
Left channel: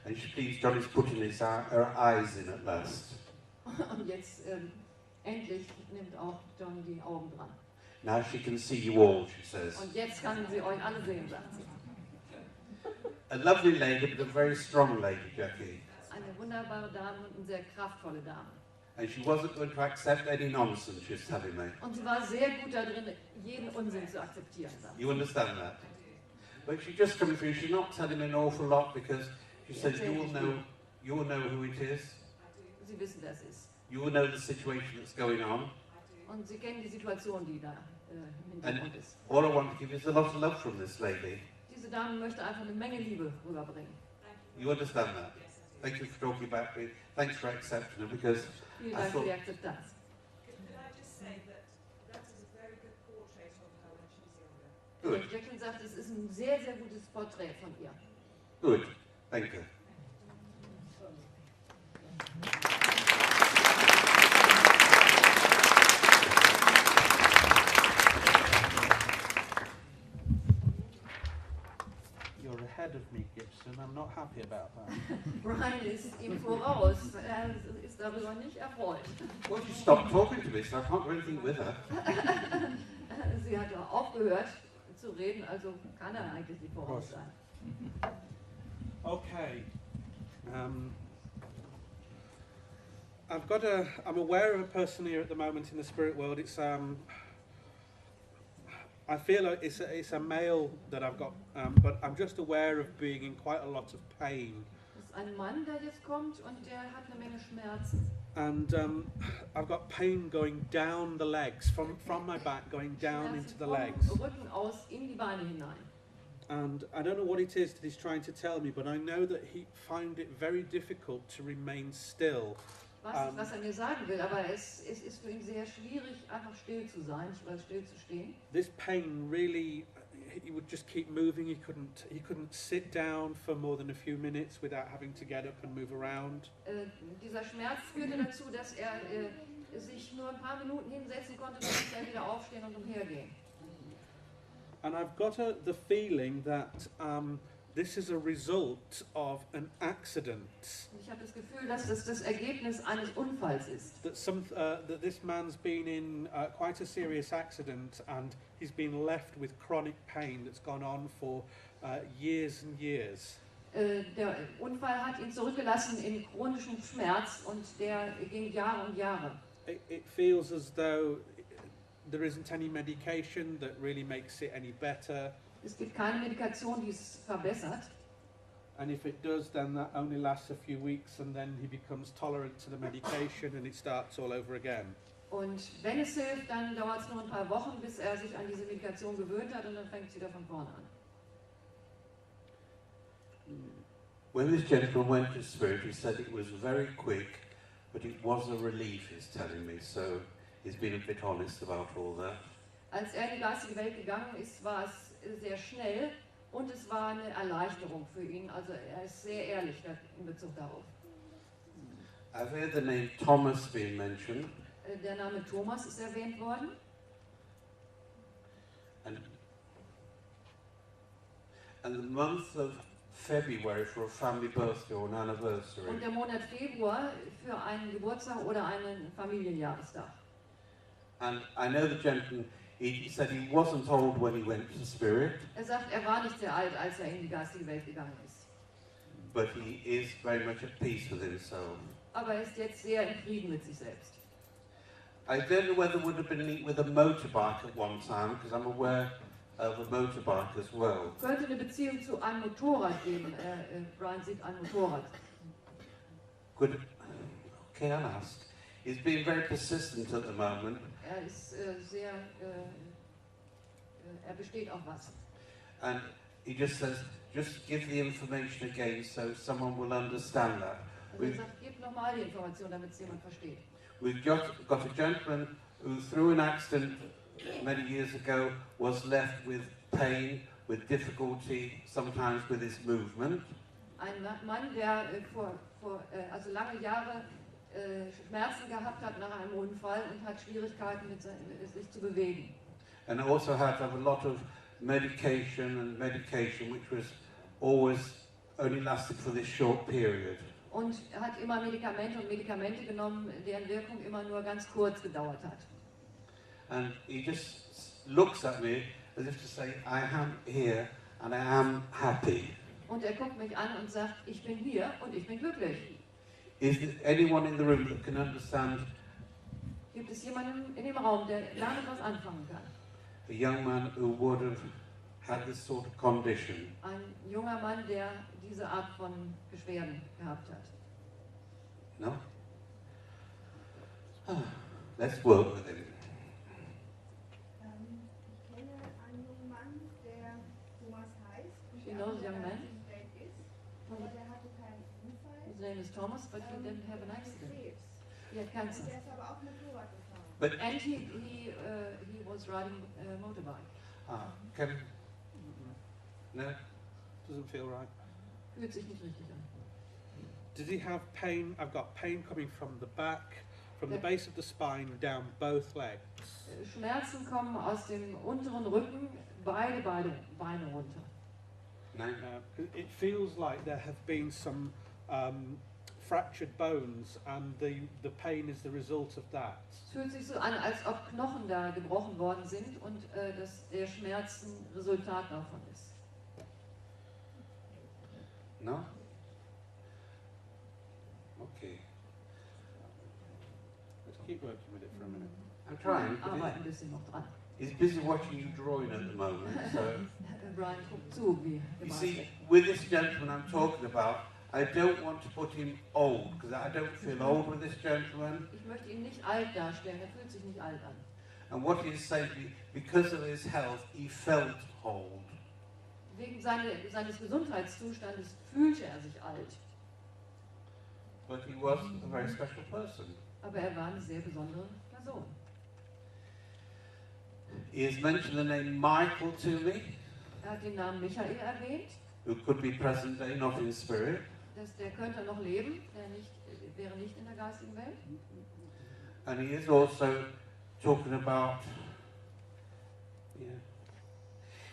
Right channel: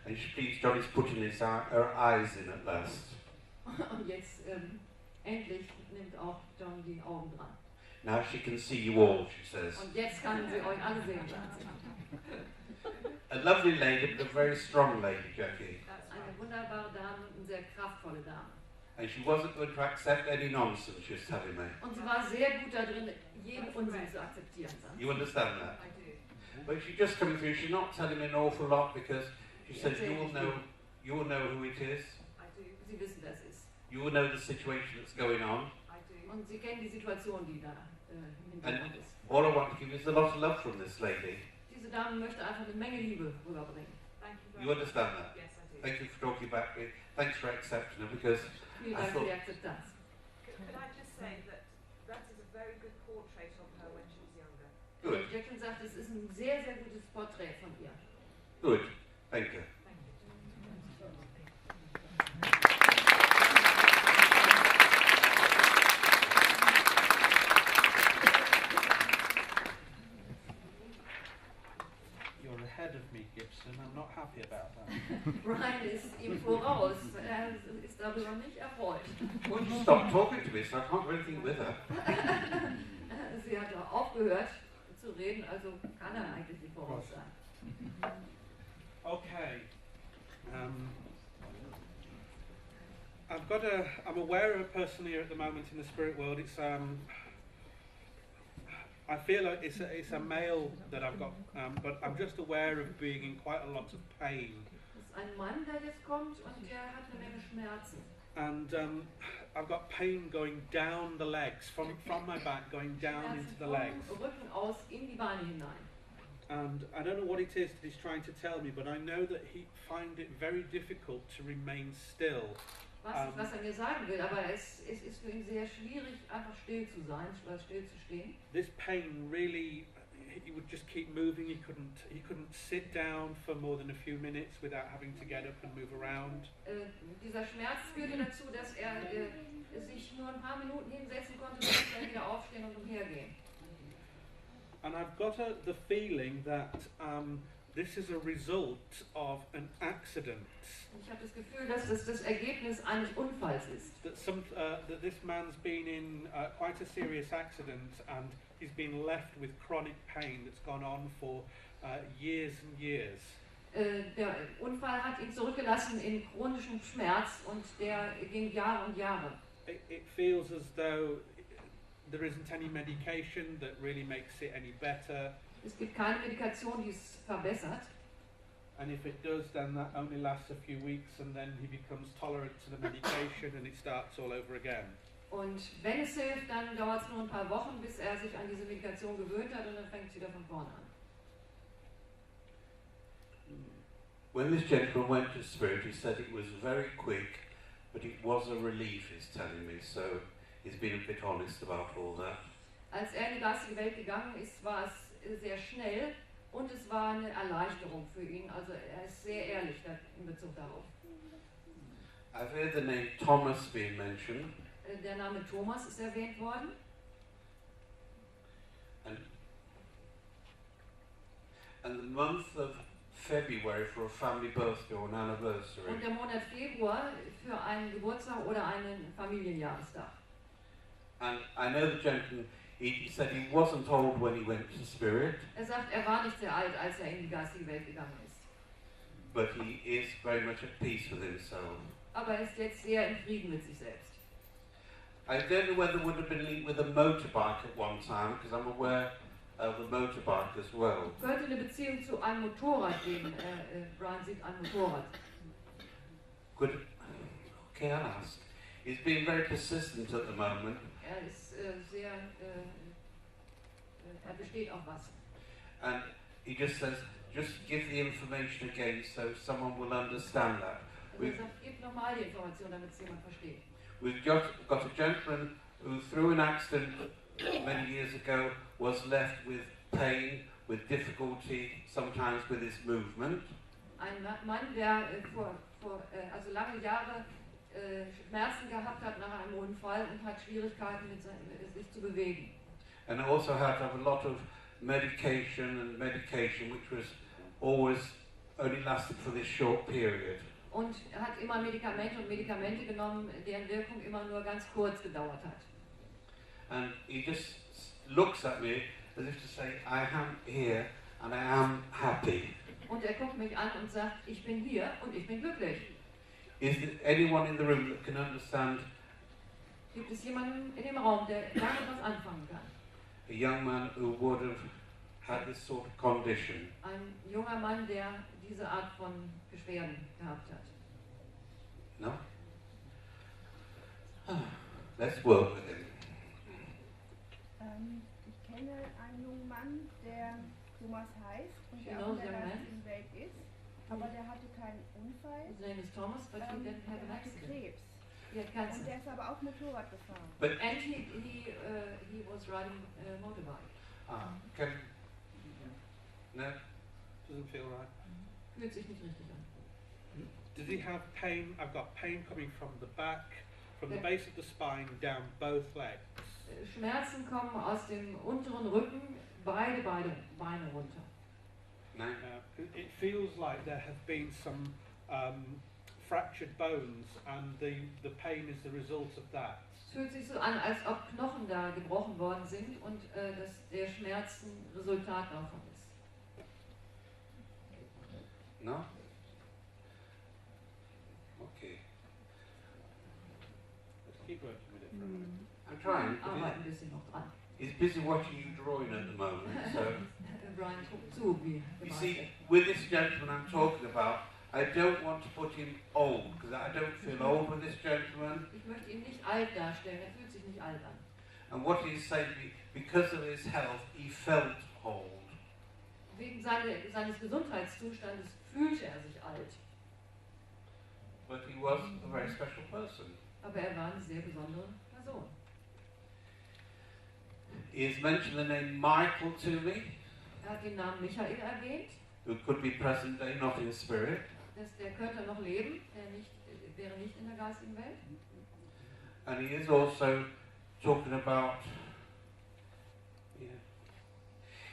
And she believes Johnny's putting her eyes in at last. Und jetzt endlich nimmt auch John die Augen dran. Now she can see you all, she says. Und jetzt kann sie euch alle sehen, sagt sie. A lovely lady, but a very strong lady, Jackie. Eine wunderbare Dame und eine sehr kraftvolle Dame. And she wasn't going to accept any nonsense, she's telling me. Und sie war sehr gut darin, jeden Unsinn zu akzeptieren. Sagt sie. You understand that? I do. But she just coming through, she's not telling me an awful lot because she says you will know who it is. I do. Sie wissen, wer es ist. You will know the situation that's going on. I do. Und sie kennen die Situation, die da im And Hintergrund ist. all I want to give is a lot of love from this lady. Diese Dame möchte einfach eine Menge Liebe rüberbringen. Thank you very You much. understand that? Yes, I do. Thank you for talking about me. Thanks for accepting her because Vielen Dank für die Akzeptanz. Could I just say that is a very good portrait of her when she was younger. good, Jacqueline sagt, es ist ein sehr, sehr gutes Porträt von ihr. good. Thank you. Thank you. You're ahead of me, Gibson. I'm not happy about that. Brian ist ihm voraus. Er ist darüber nicht erfreut. Well, you stopped talking to me, so I can't do anything with her. Sie hat auch aufgehört zu reden, also kann er eigentlich nicht voraus sein. Okay. I'm aware of a person here at the moment in the spirit world. It's I feel like it's a male that I've got, but I'm just aware of being in quite a lot of pain. Das ist ein Mann, der jetzt kommt und der hat eine Menge Schmerzen. And I've got pain going down the legs, from my back going down into the legs. Vom Rücken aus in die Beine hinein. And I don't know what it is that he's trying to tell me, but I know that he finds it very difficult to remain still. Was er mir sagen will, aber es ist für ihn sehr schwierig, einfach still zu sein, still zu stehen. This pain really, he would just keep moving. He couldn't sit down for more than a few minutes without having to get up and move around. Dieser Schmerz führte dazu, dass er sich nur ein paar Minuten hinsetzen konnte, dann musste er wieder aufstehen und umhergehen. And I've got the feeling that this is a result of an accident. Ich habe das Gefühl, dass das das Ergebnis eines Unfalls ist. That this man's been in quite a serious accident and he's been left with chronic pain that's gone on for years and years. Der Unfall hat ihn zurückgelassen in chronischem Schmerz und der ging Jahre und Jahre. It feels as though there isn't any medication that really makes it any better. Es gibt keine Medikation, die es verbessert. And if it does, then that only lasts a few weeks and then he becomes tolerant to the medication and it starts all over again. Und wenn es hilft, dann dauert es nur ein paar Wochen, bis er sich an diese Medikation gewöhnt hat und dann fängt es wieder von vorne an. When this gentleman went to spirit, he said it was very quick, but it was a relief, he's telling me, so he's been a bit honest about all that. Als er in die geistige Welt gegangen ist, war es sehr schnell und es war eine Erleichterung für ihn. Also er ist sehr ehrlich in Bezug darauf. I've heard the name Thomas being mentioned. Der Name Thomas ist erwähnt worden. And the month of February for a family birthday or an Und anniversary. der Monat Februar für einen Geburtstag oder einen Familienjahrestag. And I know the gentleman, he said he wasn't old when he went to spirit, Er sagt, er war nicht sehr alt, als er in die geistige Welt gegangen ist. but he is very much at peace with himself. Aber er ist jetzt sehr in Frieden mit sich selbst. I don't know whether it would have been linked with a motorbike at one time, because I'm aware of a motorbike as well. Könnte eine Beziehung zu einem Motorrad geben. Bryan sieht ein Motorrad. Could, can I ask? He's being very persistent at the moment, Er ist sehr, er besteht auf was. and he just says, just give the information again so someone will understand that. Er sagt, gib nochmal die Information, damit es jemand versteht. We've got a gentleman who, through an accident many years ago, was left with pain, with difficulty, sometimes with his movement. Ein Mann, der also lange Jahre Schmerzen gehabt hat nach einem Unfall und hat Schwierigkeiten mit sich zu bewegen. And also had a lot of medication, which was always only lasted for this short period. Und er hat immer Medikamente genommen, deren Wirkung immer nur ganz kurz gedauert hat. And he just looks at me as if to say, I am here and I am happy. Und er guckt mich an und sagt, ich bin hier und ich bin glücklich. Is there anyone in the room that can understand Gibt es jemanden in dem Raum, der damit was anfangen kann? a young man who would have had this sort of condition? Ein junger Mann, der diese Art von Beschwerden gehabt hat. No? Let's work with him. Ich kenne einen jungen Mann, der Thomas heißt und She der auch knows in der young man. geistigen Welt ist, aber der hatte keinen Unfall, His name is Thomas, but he didn't have an accident. Krebs. He had Und cancer. der ist aber auch Motorrad gefahren. And he was riding a motorbike. Can, no? Doesn't feel right. Fühlt sich nicht richtig an. Does he have pain? I've got pain coming from the back, from the base of the spine down both legs. Schmerzen kommen aus dem unteren Rücken, beide Beine runter. No? It feels like there have been some fractured bones, and the pain is the result of that. Es fühlt sich so an, als ob Knochen da gebrochen worden sind und dass der Schmerz ein Resultat davon ist. No? Okay. Let's keep working with it for a minute. I'm trying. Arbeiten ein bisschen noch dran. He's busy watching you drawing at the moment, so... Bryan guckt zu, wie You gemalt see, wird. with this gentleman I'm talking about, I don't want to put him old, because I don't feel old with this gentleman. Ich möchte ihn nicht alt darstellen, er fühlt sich nicht alt an. And what he's saying, because of his health, he felt old. Wegen seines Gesundheitszustandes fühlte er sich alt. But he was a very special person. Aber er war eine sehr besondere Person. He has mentioned the name Michael to me, Er hat den Namen Michael erwähnt, who could be present day, not in spirit. der könnte noch leben, wäre nicht in der geistigen Welt. And he is also talking about,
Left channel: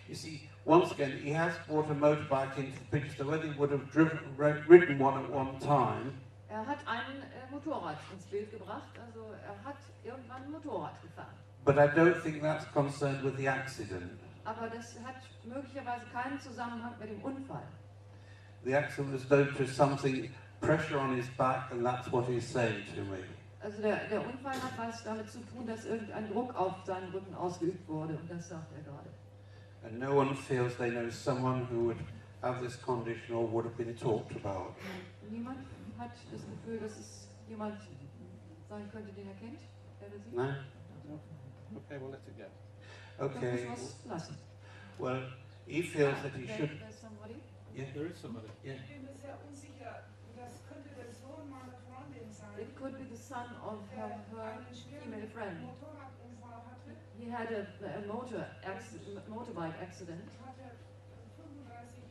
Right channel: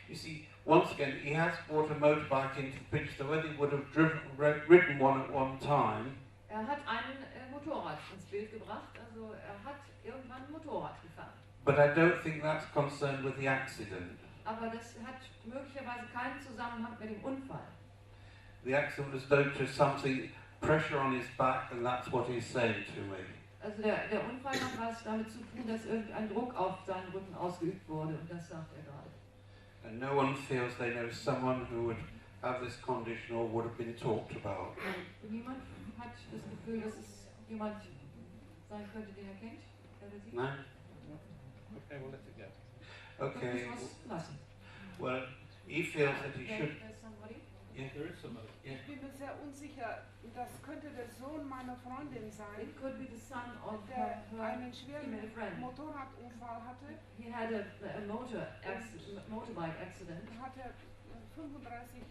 you see, once again, he has brought a motorbike into the picture, so whether he would have ridden one at one time, Er hat ein Motorrad ins Bild gebracht, also er hat irgendwann ein Motorrad gefahren. but I don't think that's concerned with the accident. Aber das hat möglicherweise keinen Zusammenhang mit dem Unfall. The accident was due to something, pressure on his back, and that's what he's saying to me. Also der Unfall hat was damit zu tun, dass irgendein Druck auf seinen Rücken ausgeübt wurde, und das sagt er gerade. And no one feels they know someone who would have this condition or would have been talked about. Niemand hat das Gefühl, dass es jemand sein könnte, den er kennt, der das sieht. No? Okay, well, let it go. Okay. Das lassen. Well, he feels that he should. There's somebody. Yeah. There is somebody. Yeah. Ich bin mir sehr unsicher. Das könnte der Sohn meiner Freundin sein, It could be the son of der her einen schweren female friend. Motorradunfall hatte. He had a motorbike accident, Er hatte 35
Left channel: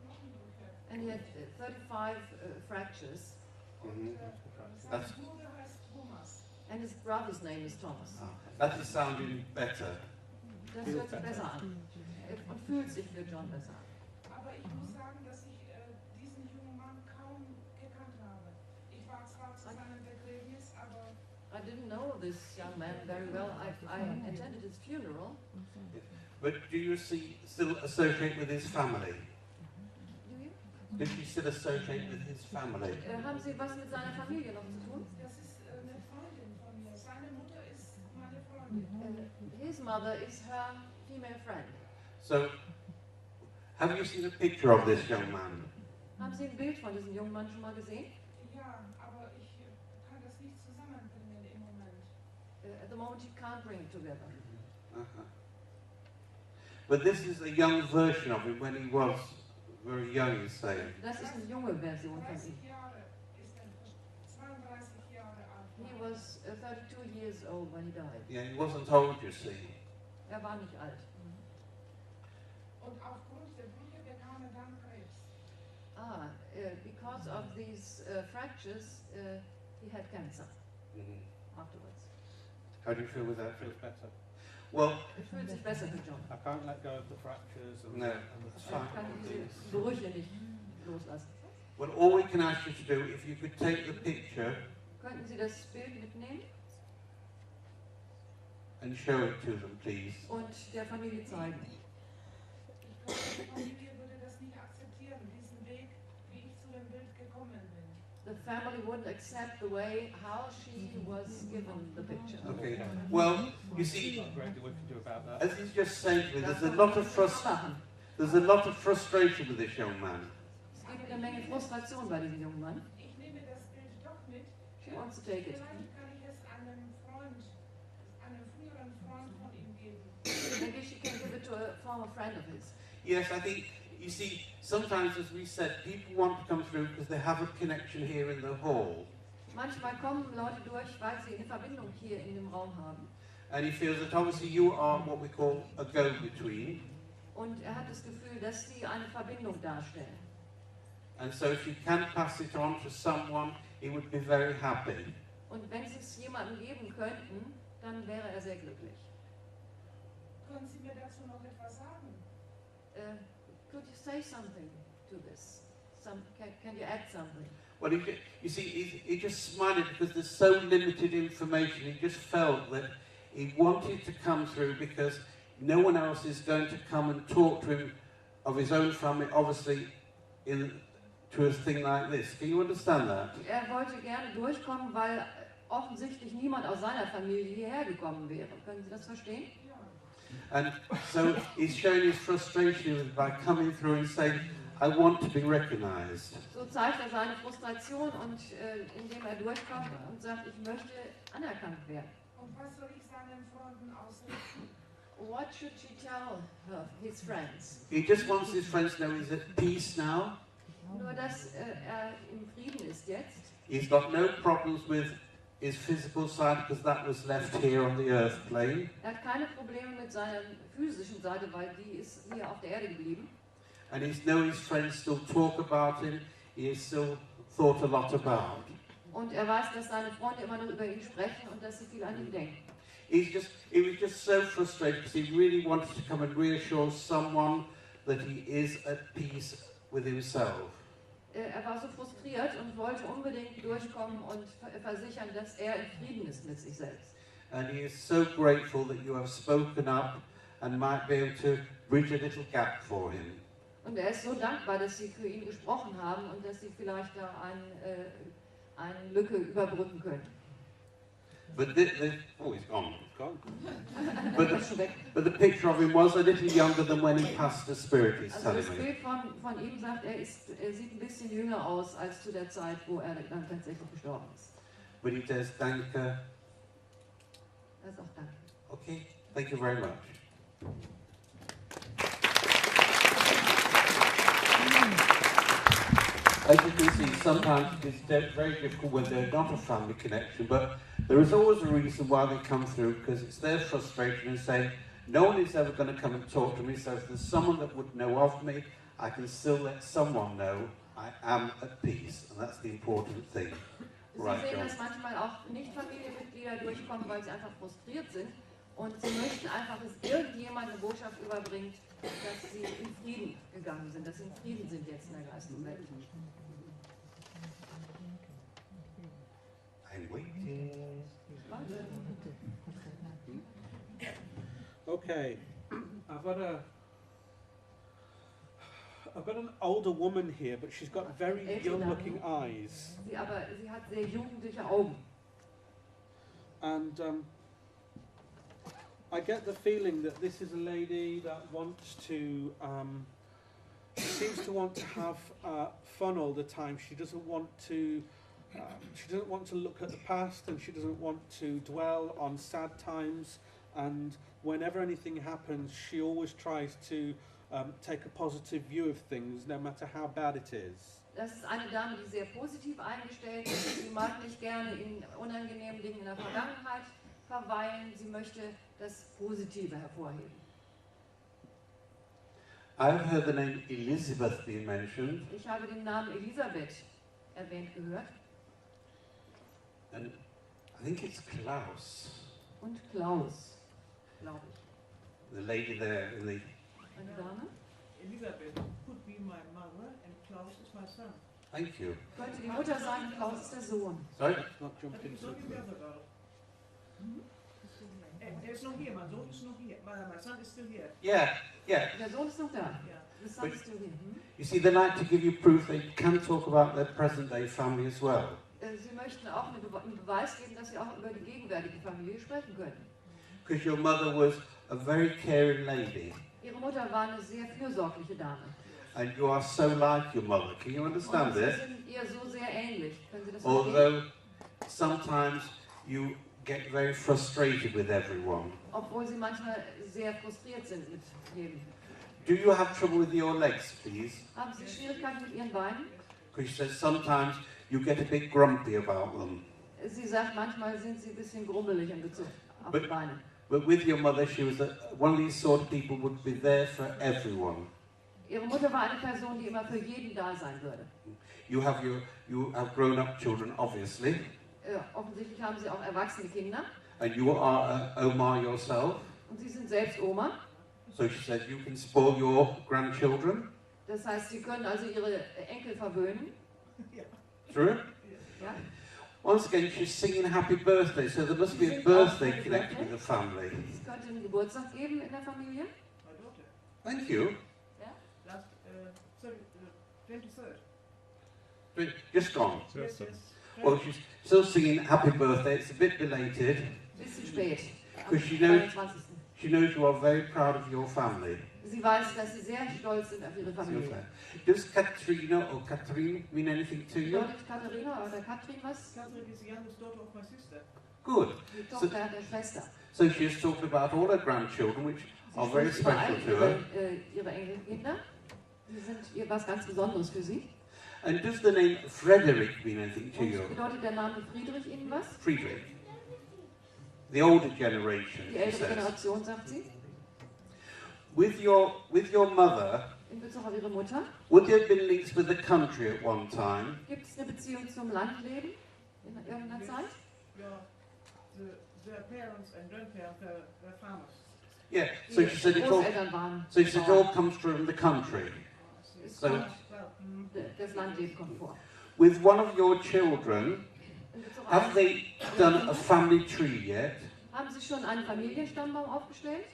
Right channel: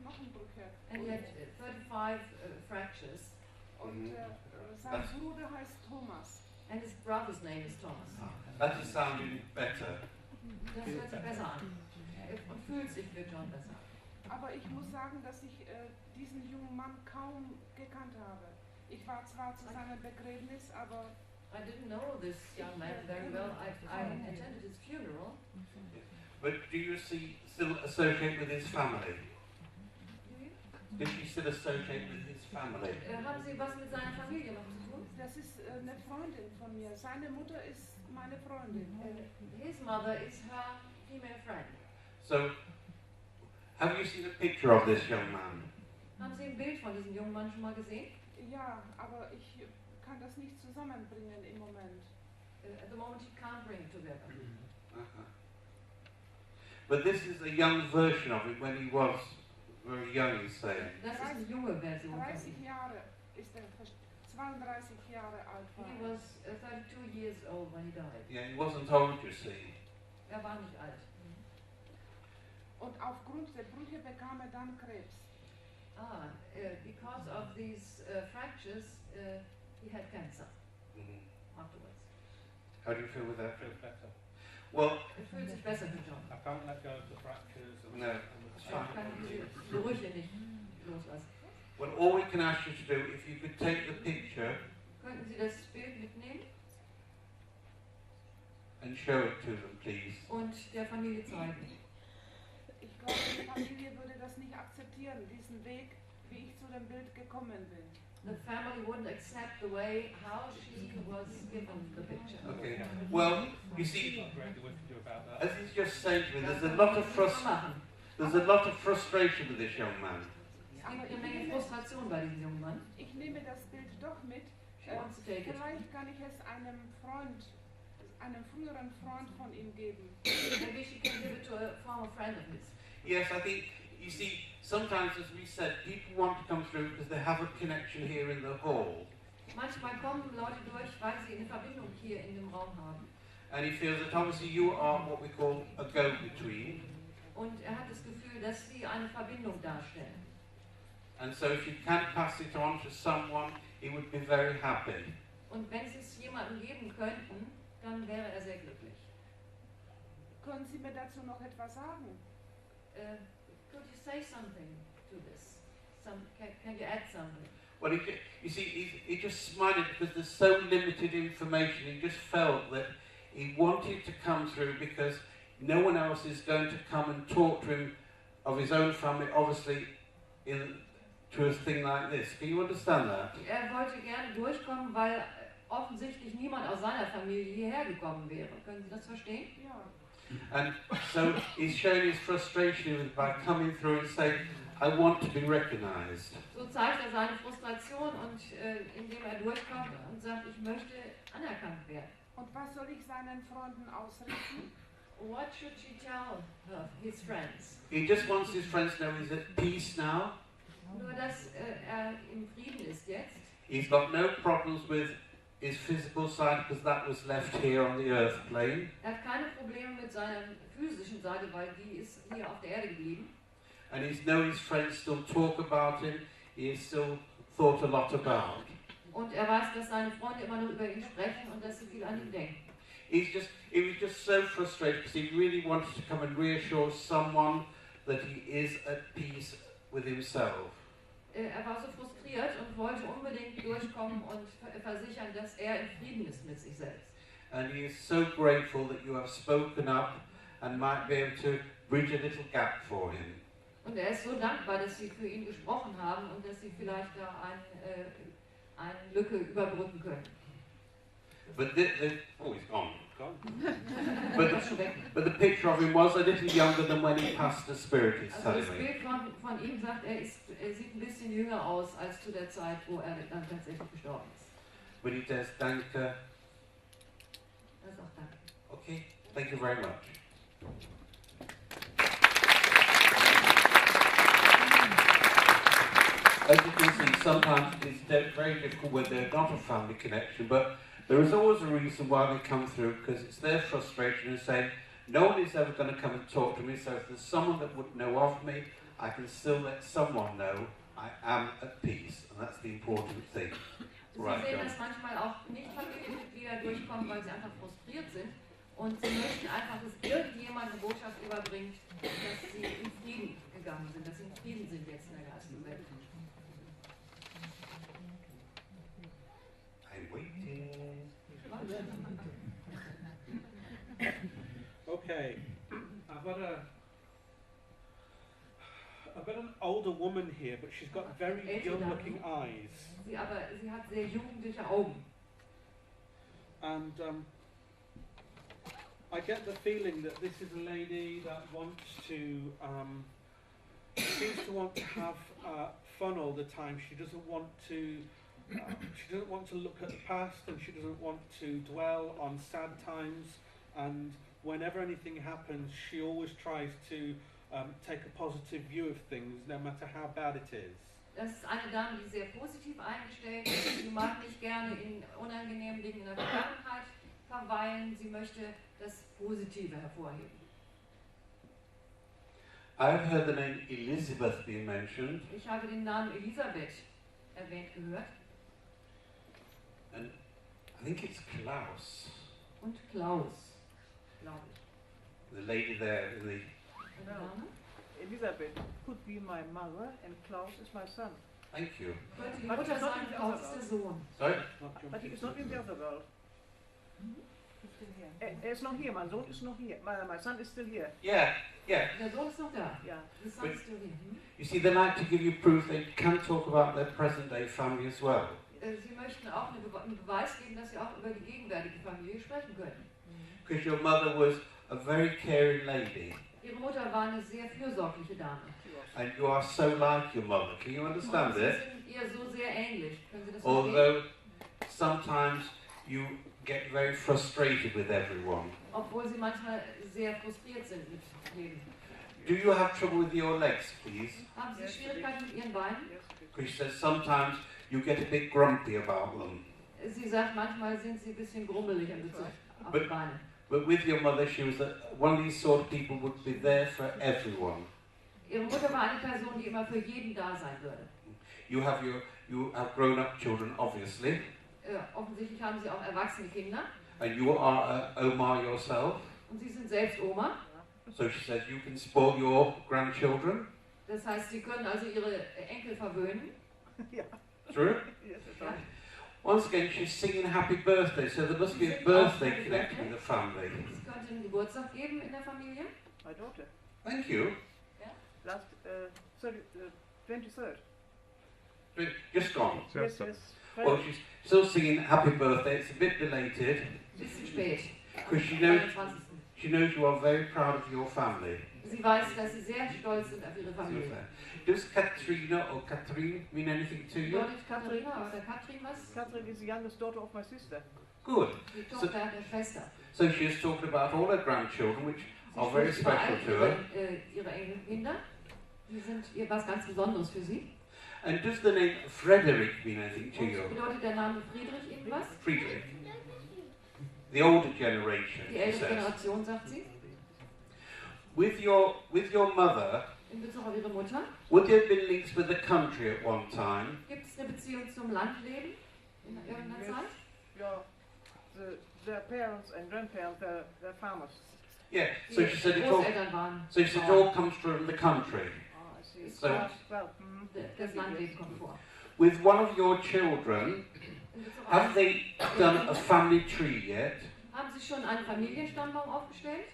Knochenbrüche. and he had 35 fractures, Und sein Das- Bruder heißt Thomas. and his brother's name is Thomas. That is sounding better. Das hört sich besser an. Und fühlt sich für John besser. Aber ich muss sagen, dass ich diesen jungen Mann kaum gekannt habe. Ich war zwar zu seinem Begräbnis, aber I didn't know this young man very well. I attended his funeral. But do you still associate with his family? Do you? Did you still associate with his family? Haben Sie was mit seiner Familie noch zu tun? das ist eine Freundin von mir. Seine Mutter ist meine Freundin. His mother is her female friend. So, have you seen a picture of this young man? Haben Sie ein Bild von diesem jungen Mann schon mal gesehen? Ja, aber ich kann das nicht zusammenbringen im Moment. At the moment you can't bring it together. Uh-huh. But this is a young version of him when he was very young, he's saying. Das ist eine junge Version. 30 Jahre ist er, 32 Jahre alt war. He was 32 years old when he died. Yeah, he wasn't old, you see. Er war nicht alt. Und aufgrund der Brüche bekam er dann Krebs. Because of these fractures, he had cancer afterwards. How do you feel with that? Feels better. Well, Es fühlt sich besser für John. I can't let go of the fractures. And No. Ich kann diese Brüche nicht loslassen. well, all we can ask you to do, if you could take the picture Könnten Sie das Bild mitnehmen and show it to them, please. und der Familie zeigen? Ich glaube, die Familie würde das nicht akzeptieren, diesen Weg, wie ich zu dem Bild gekommen bin. The family wouldn't accept the way how she was given the picture. Okay. Well, you see, not great what we can do about that. as he's just said to me, there's a lot of frustration with this young man. Es gibt eine Menge Frustration bei diesem jungen Mann. Ich nehme das Bild doch mit. She wants to take it. Vielleicht kann ich es einem Freund, einem früheren Freund von ihm geben. Maybe she can give it to a former friend of his. Yes, I think, you see, sometimes, as we said, people want to come through because they have a connection here in the hall. Manchmal kommen Leute durch, weil sie eine Verbindung hier in dem Raum haben. And he feels that obviously you are what we call a go-between. Und er hat das Gefühl, dass sie eine Verbindung darstellen. And so if you can pass it on to someone, he would be very happy. Und wenn sie es jemandem geben könnten, dann wäre er sehr glücklich. Können Sie mir dazu noch etwas sagen? Could you say something to this? Can you add something? Well, you see, he just smiled because there's so limited information. He just felt that he wanted to come through because no one else is going to come and talk to him of his own family, obviously, to a thing like this. Can you understand that? Er wollte gerne durchkommen, weil offensichtlich niemand aus seiner Familie hierher gekommen wäre. Können Sie das verstehen? Ja. And so he's showing his frustration by coming through and saying, I want to be recognized. So zeigt er seine Frustration und indem er durchkommt und sagt, ich möchte anerkannt werden. Und was soll ich seinen Freunden ausrichten? What should she tell his friends? He just wants his friends to know he's at peace now. Nur, dass er im Frieden ist jetzt. He's got no problems with his physical side because that was left here on the earth plane. Er hat keine Probleme mit seiner physischen Seite, weil die ist hier auf der Erde geblieben. And he's know his friends still talk about him. He's still thought a lot about. Und er weiß, dass seine Freunde immer noch über ihn sprechen und dass sie viel an ihn denken. He was just so frustrated because he really wanted to come and reassure someone that he is at peace with himself. Er war so frustriert und wollte unbedingt durchkommen und versichern, dass er in Frieden ist mit sich selbst. And he is so grateful that you have spoken up and might be able to bridge a little gap for him. Und er ist so dankbar, dass Sie für ihn gesprochen haben und dass Sie vielleicht da eine Lücke überbrücken können. But oh, he's gone. Gone. But the picture of him was a little younger than when he passed the spirit, he's Also telling das me. Bild von ihm sagt, er sieht ein bisschen jünger aus als zu der Zeit, wo er dann tatsächlich gestorben ist. But he says, danke. Das ist auch danke. Okay, thank you very much. As you can see, sometimes it's very difficult when they're not a family connection, but there is always a reason why they come through, because it's their frustration and saying, no one is ever going to come and talk to me, so if there's someone that would know of me, I can still let someone know I am at peace, and that's the important thing. Sie Right, sehen, John. dass manchmal auch Nicht-Familienmitglieder durchkommen, weil sie einfach frustriert sind und sie möchten einfach, dass irgendjemand eine Botschaft überbringt, dass sie in Frieden gegangen sind, dass sie I've got an older woman here, but she's got very young-looking eyes. Sie hat sehr jugendliche Augen. And I get the feeling that this is a lady that wants to, seems to want to have fun all the time. She doesn't want to look at the past, and she doesn't want to dwell on sad times. And whenever anything happens, she always tries to take a positive view of things, no matter how bad it is. Das ist eine Dame, die sehr positiv eingestellt ist. Sie mag nicht gerne in unangenehmen Dingen in der Vergangenheit verweilen. Sie möchte das Positive hervorheben. I've heard the name Elizabeth being mentioned. Ich habe den Namen Elisabeth erwähnt gehört. And I think it's Klaus. Und Klaus, glaube ich. The lady there in the... Eine Dame? Elizabeth could be my mother and Klaus is my son. Thank you. Könnte die Mutter sein, Klaus ist der Sohn. Sorry? But he is not in the other world. He's still here. It's not here, my son is not here. My son is still here. Yeah. Der Sohn ist noch da. Yeah. The son is still here. You see, they like to give you proof they can talk about their present-day family as well. Sie möchten auch einen Beweis geben, dass sie auch über die gegenwärtige Familie sprechen können. Because your mother was a very caring lady. Ihre Mutter war eine sehr fürsorgliche Dame. And you are so like your mother. Can you understand Sie it? sind ihr so sehr ähnlich. Können Sie das verstehen? Although sometimes you get very frustrated with everyone. Obwohl sie manchmal sehr frustriert sind mit jedem. Do you have trouble with your legs, please? Haben Sie Schwierigkeiten mit Ihren Beinen? Because she says sometimes you get a bit grumpy about them. Sie sagt, manchmal sind sie ein bisschen grummelig in Bezug auf die Beine. But with your mother, she was one of these sort of people who would be there for everyone. Ihre Mutter war eine Person, die immer für jeden da sein würde. You have grown-up children, obviously, Offensichtlich haben sie auch erwachsene Kinder. and you are Omar yourself. Und sie sind selbst Oma. So she said you can spoil your grandchildren. Das heißt, sie können also ihre Enkel verwöhnen. True? Yes, it's Ja. right. Once again, she's singing happy birthday, so there must be a birthday connected with the family. Es könnte einen Geburtstag geben in der Familie. My daughter. Thank you. Last 23rd. You're strong. Yes, yes. Well, she's still singing happy birthday. It's a bit belated. Bisschen spät. Am Because she knows 22. you are very proud of your family. Sie weiß, dass sie sehr stolz sind auf ihre Familie. Does Katrina or Catherine mean anything to you? Bedeutet Katharina oder Katrin was? Catherine is the youngest daughter of my sister. Good. Die Tochter der Schwester. So she has talked about all her grandchildren, which are very Sie spricht special über to her. ihre Enkelkinder. Die sind ihr was ganz Besonderes für sie. And does the name Frederick mean anything to Und you? bedeutet der Name Friedrich Ihnen was? Friedrich. The older generation, Die she ältere says. Generation, sagt sie. With your mother, In Bezug auf ihre Mutter. would there have been links with the country at one time? Gibt es eine Beziehung zum Landleben in irgendeiner Yes. Zeit? Yeah, their parents and grandparents, they're farmers. Yeah. So Die she said it all. Großeltern waren So she said it Bauern. all comes from the country. Oh, I see. So- Well, Das Landleben kommt vor. With one of your children, In Bezug auf- have they done a family tree yet? Haben Sie schon einen Familienstammbaum aufgestellt?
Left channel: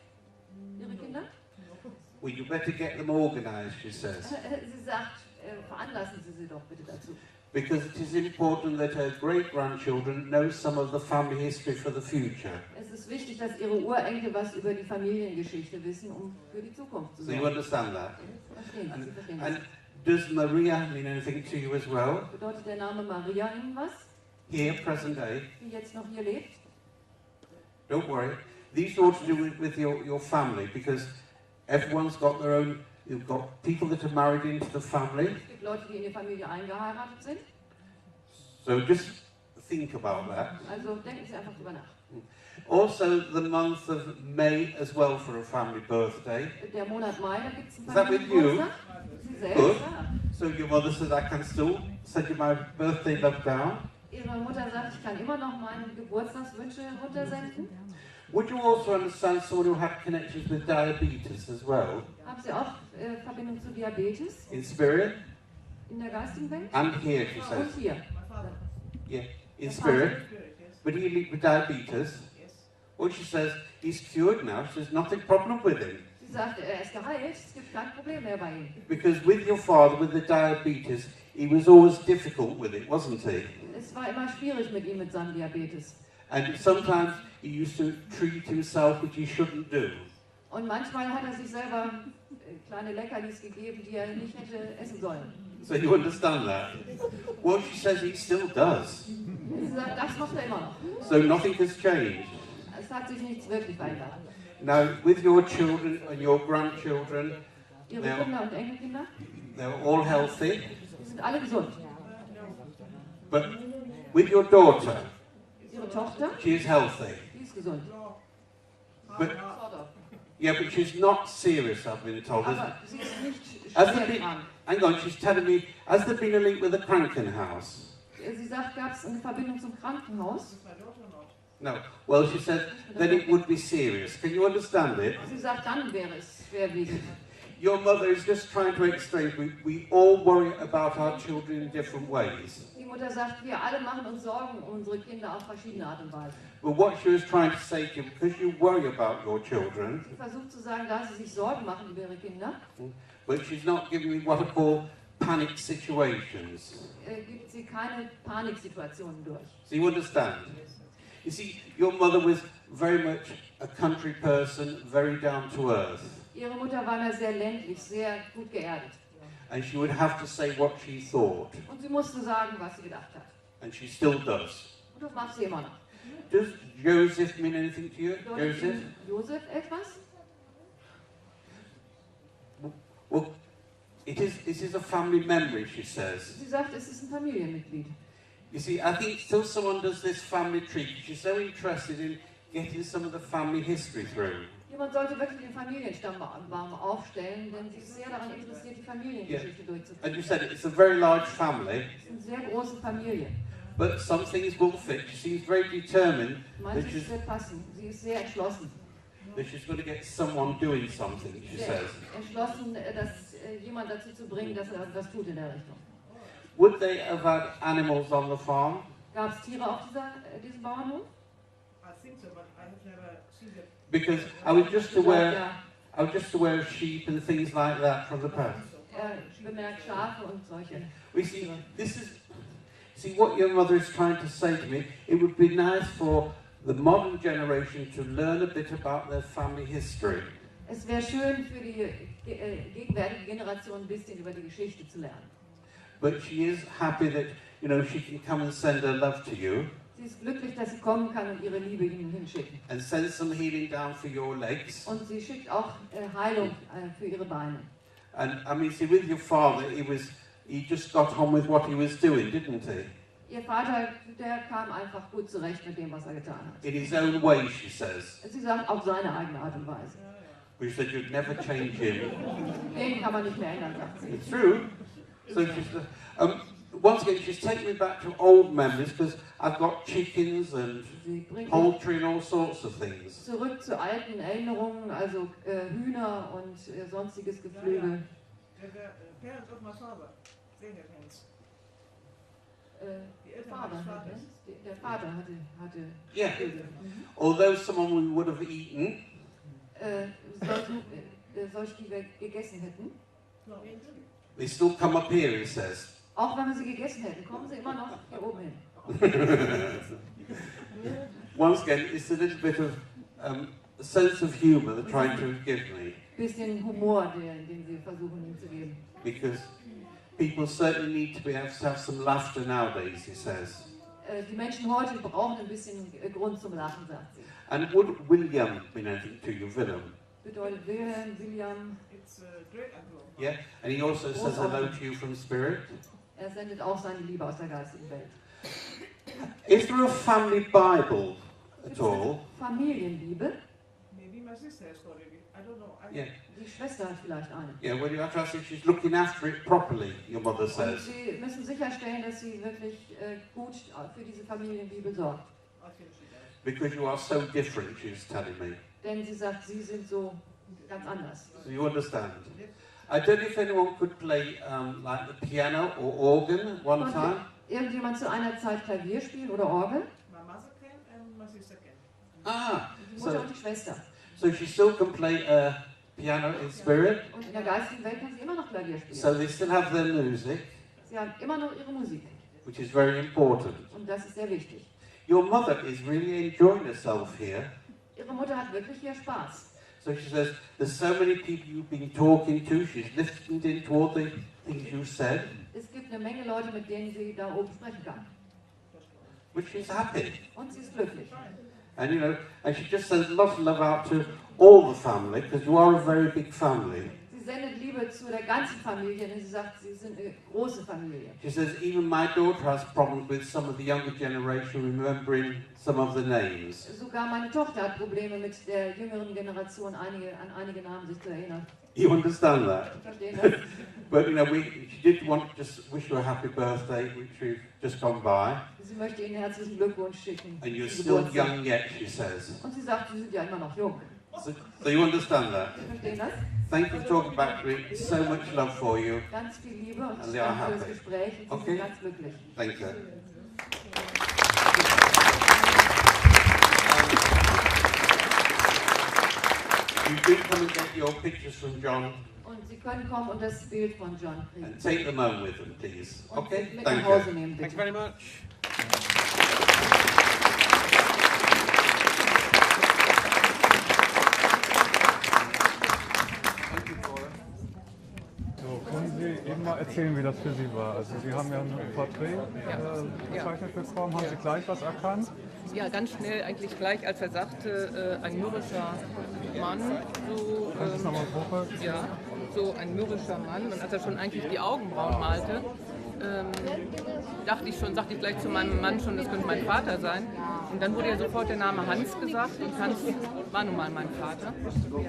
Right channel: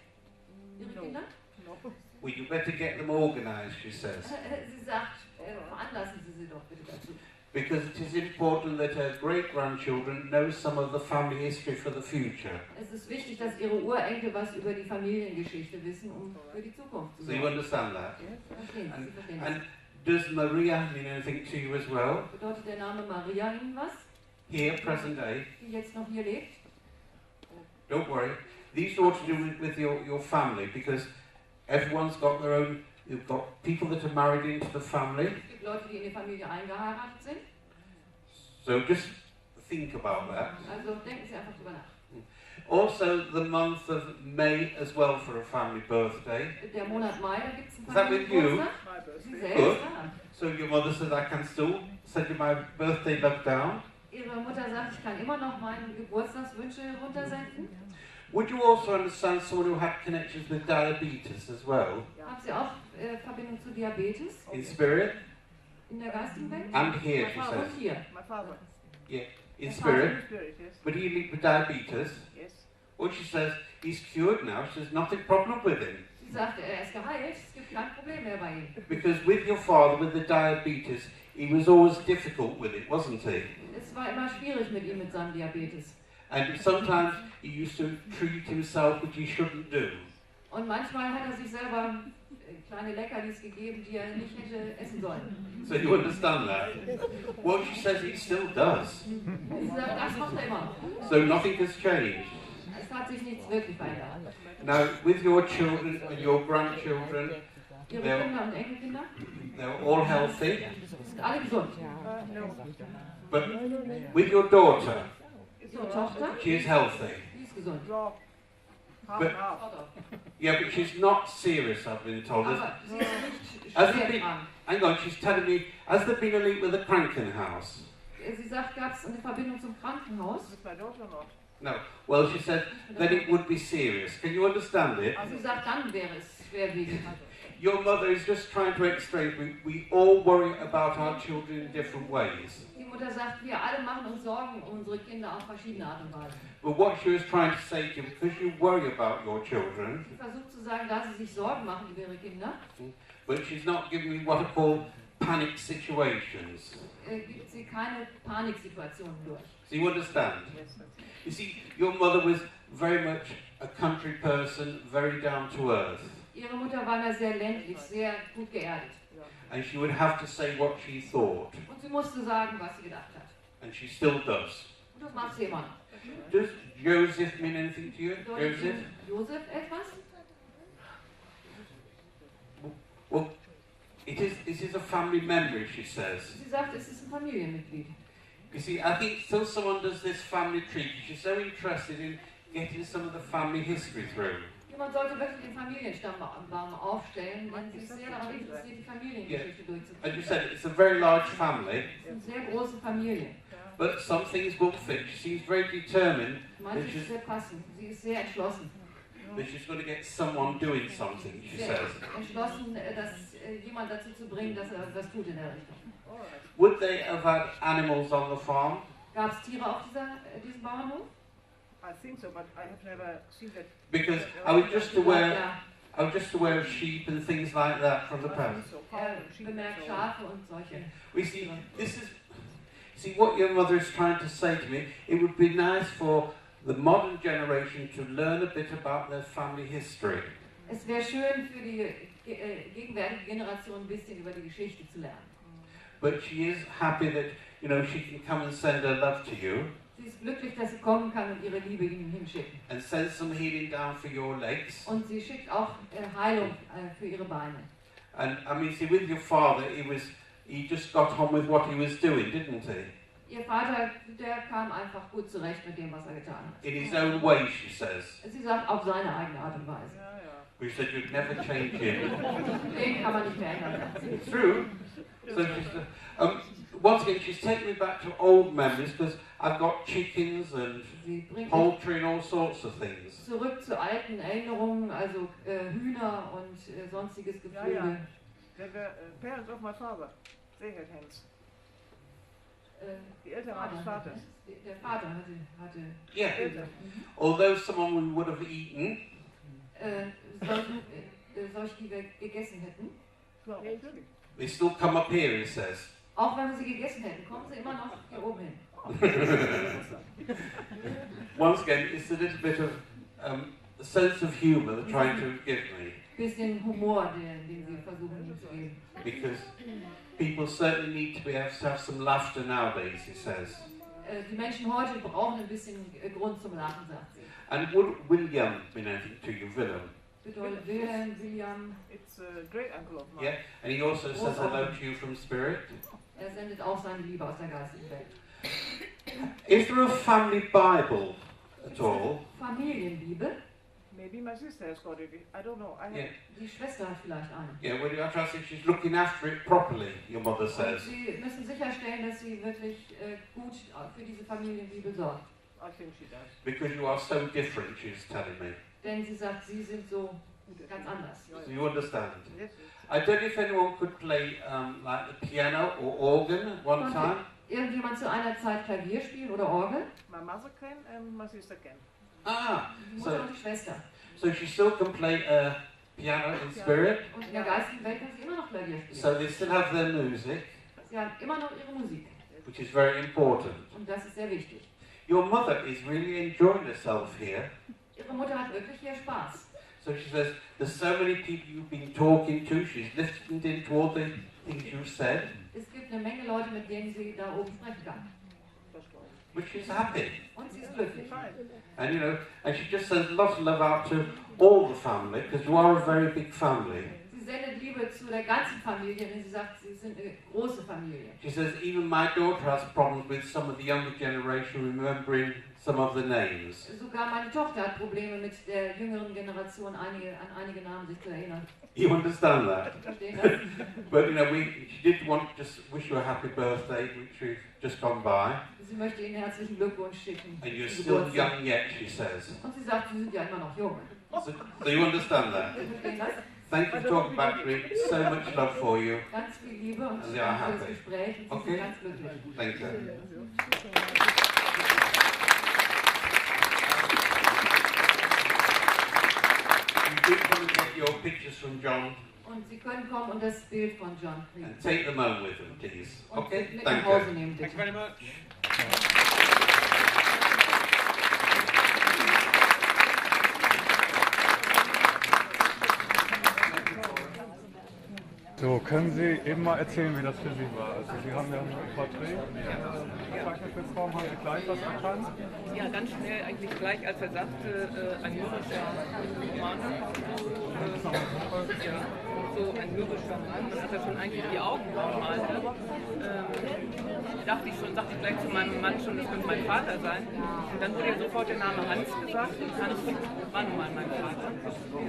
Ihre no, Kinder? no. Well, you better get them organised, she says, Sie sagt, veranlassen Sie sie doch bitte dazu. because it is important that her great-grandchildren know some of the family history for the future. Es ist wichtig, dass Ihre Urenkel was über die Familiengeschichte wissen, um für die Zukunft zu So you sorgen. understand that? Yes, Verstehen Sie, Sie verstehen And das. does Maria mean anything to you as well? Bedeutet der Name Maria Ihnen was, Here, present day? die jetzt noch hier lebt? Don't worry. These are all to do with your family, because everyone's got their own. You've got people that are married into the family. Es gibt Leute, die in die Familie eingeheiratet sind. So just think about that. Also denken Sie einfach drüber nach. Also, the month of May as well for a family birthday. Der Monat Mai, da gibt es einen Is that with you? Familiengeburtstag. my birthday. Sie Good. selbst, ja. So your mother says I can still send you my birthday love down. Ihre Mutter sagt, ich kann immer noch meine Geburtstagswünsche runtersenden. Would you also understand someone who had connections with diabetes as well? Haben Sie auch Verbindung zu Diabetes In spirit in der geistigen Welt? and here, she says. Und hier. My father. Yeah, in In spirit. In spirit, yes. But he lived with diabetes. Yes. Well, she says he's cured now. She says nothing problem with him. Sie sagt, er ist geheilt. Geld, es gibt kein Problem mehr bei ihm. Because with your father, with the diabetes, he was always difficult with it, wasn't he? Es war immer schwierig mit ihm mit seinem Diabetes. And sometimes he used to treat himself, which he shouldn't do. Und manchmal hat er sich selber kleine Leckerlis gegeben, die er nicht hätte essen sollen. So you understand that? Well, she says he still does. Sie sagt, das macht er immer noch. So nothing has changed. Es hat sich nichts wirklich verändert. Now, with your children and your grandchildren, Ihre they're, Kinder und Enkelkinder they're all healthy. sind alle gesund. No. But with your daughter, Ihre Tochter, she is healthy. die ist gesund. Ja. Half But- and half. Yeah, but she's not serious, I've been told. Aber sie ist nicht Has there schwer been, krank. hang on, she's telling me, has there been a link with the Krankenhaus? Sie sagt, gab es eine Verbindung zum Krankenhaus? With my daughter not. No. Well, she said, then it would be serious. Can you understand it? Sie sagt, dann wäre es schwerwiegend. Your mother is just trying to explain, we all worry about our children in different ways. Die Mutter sagt, wir alle machen uns Sorgen um unsere Kinder auf verschiedene Art und Weise. But what she was trying to say to you, because you worry about your children, Sie versucht zu sagen, da sie sich Sorgen machen über ihre Kinder, but she's not giving me what are called panic situations. gibt sie keine Paniksituationen durch. So you understand? Yes. You see, your mother was very much a country person, very down to earth. Ihre Mutter war da sehr ländlich, sehr gut geerdet. And she would have to say what she thought. Und sie musste sagen, was sie gedacht hat. And she still does. Und das macht sie immer noch. Does Joseph mean anything to you? Bedeutet Joseph? Josef etwas? Well, this is a family memory, she says. Sie sagt, es ist ein Familienmitglied. You see, I think till someone does this family tree, she's so interested in getting some of the family history through. Jemand sollte wirklich den Familienstammbaum aufstellen, denn sie ist sehr daran interessiert, die Familiengeschichte And you durchzuführen. said it's a very large family, Eine sehr große Familie. but some things will fit. She seems very determined that Manches she's, wird passen. Sie ist sehr entschlossen. that she's going to get someone doing something, she Sehr says. entschlossen, jemand dazu zu bringen, dass er was tut in der Richtung. Would they have had animals on the farm? Gab es Tiere auf diesem Bauernhof? I think so, but I have never seen that. Because I was just aware of sheep and things like that from the I past. think so. Cows and sheep and Bemerkt so on. Schafe und solche. We see what your mother is trying to say to me. It would be nice for the modern generation to learn a bit about their family history. Es wäre schön für die gegenwärtige Generation ein bisschen über die Geschichte zu lernen. But she is happy that, you know, she can come and send her love to you Sie ist glücklich, dass sie kommen kann und ihre Liebe ihnen hinschicken. and send some healing down for your legs. Und sie schickt auch Heilung für ihre Beine. And I mean, see, with your father, he just got on with what he was doing, didn't he? Ihr Vater, der kam einfach gut zurecht mit dem, was er getan hat. In his own way, she says. Sie sagt, auf seine eigene Art und Weise. Yeah, yeah. We said you'd never change him. Den kann man nicht verändern. True. So once again, she's taking me back to old memories because I've got chickens and Sie bringt mich poultry and all sorts of things. zurück zu alten Erinnerungen, also Hühner und sonstiges Ja, Geflügel. ja. They were parents of my father. They had hens. Die Eltern meines Vaters. Der Vater hatte Yeah. Eltern. Although someone we would have eaten, solche, die wir gegessen hätten. Ja, natürlich. they still come up here, he says. Auch wenn wir sie gegessen hätten, kommen sie immer noch hier oben hin. Once again, it's a little bit of a sense of humour they're trying to give me. Bisschen Humor, den sie versuchen zu geben. Because people certainly need to be able to have some laughter nowadays, he says. Die Menschen heute brauchen ein bisschen Grund zum Lachen, sagt sie. And would William mean anything to you, Willem? Bedeutet William, It's a great uncle of mine. Yeah? And he also says hello to you from spirit. er sendet auch seine Liebe aus der geistigen Welt. Is there a family Bible at all? Familienliebe? Maybe my sister has got it. I don't know. I Yeah. Die Schwester hat vielleicht eine. Yeah, well, you have to ask if she's looking after it properly, your mother Und says. sie müssen sicherstellen, dass sie wirklich gut für diese Familienliebe sorgt. I think she does. Because you are so different, she's telling me. Denn sie sagt, sie sind so ganz anders. Yeah, Do you understand? yes. I don't know if anyone could play like the piano or organ at one time. Irgendjemand zu einer Zeit Klavier spielen oder Orgel? My mother can and my sister can. Ah, Die Mutter so, und die Schwester. so she still can play piano in spirit. Und in der geistigen Welt können sie immer noch Klavier spielen. So they still have their music, Sie haben immer noch ihre Musik. which is very important. Und das ist sehr wichtig. Your mother is really enjoying herself here. Ihre Mutter hat wirklich hier Spaß. So she says, there's so many people you've been talking to. She's listened into all the things you've said, Es gibt eine Menge Leute, mit denen sie da oben sprechen kann. which she's happy. Und sie ist glücklich. And you know, and she just sends lots of love out to all the family, because you are a very big family. Sie sendet Liebe zu der ganzen Familie, denn sie sagt, sie sind eine große Familie. She says, even my daughter has problems with some of the younger generation remembering some of the names. Sogar meine Tochter hat Probleme mit der jüngeren Generation, an einige Namen sich zu erinnern. You understand that? Verstehen das? But you know, she did want to just wish you a happy birthday, which we've just gone by. Sie möchte Ihnen herzlichen Glückwunsch schicken. And you're still young yet, she says. Und sie sagt, Sie sind ja immer noch jung. So you understand that? Verstehen das? Thank you for talking back to me. So much love for you. Ganz viel Liebe und And they are danke fürs happy. Gespräch. Und Sie Okay. sind ganz glücklich. Thank you. You do come and get your pictures from John Und Sie können kommen und das Bild von John kriegen. and take them home with them, please. Und Okay? mit nach Thank Hause you. nehmen, Thank you bitte. very much. So, können Sie eben mal erzählen, wie das für Sie war? Also Sie haben ja ein Porträt gezeichnet bekommen, haben Sie gleich was erkannt? Ja, ganz schnell, eigentlich gleich, als er sagte, ein mürrischer Mann. Ja, so ein mürrischer Mann. Und als er schon eigentlich die Augenbrauen malte, dachte ich schon, sagte ich gleich zu meinem Mann schon, das könnte mein Vater sein. Und dann wurde ja sofort der Name Hans gesagt. Und Hans war nun mal mein Vater. Und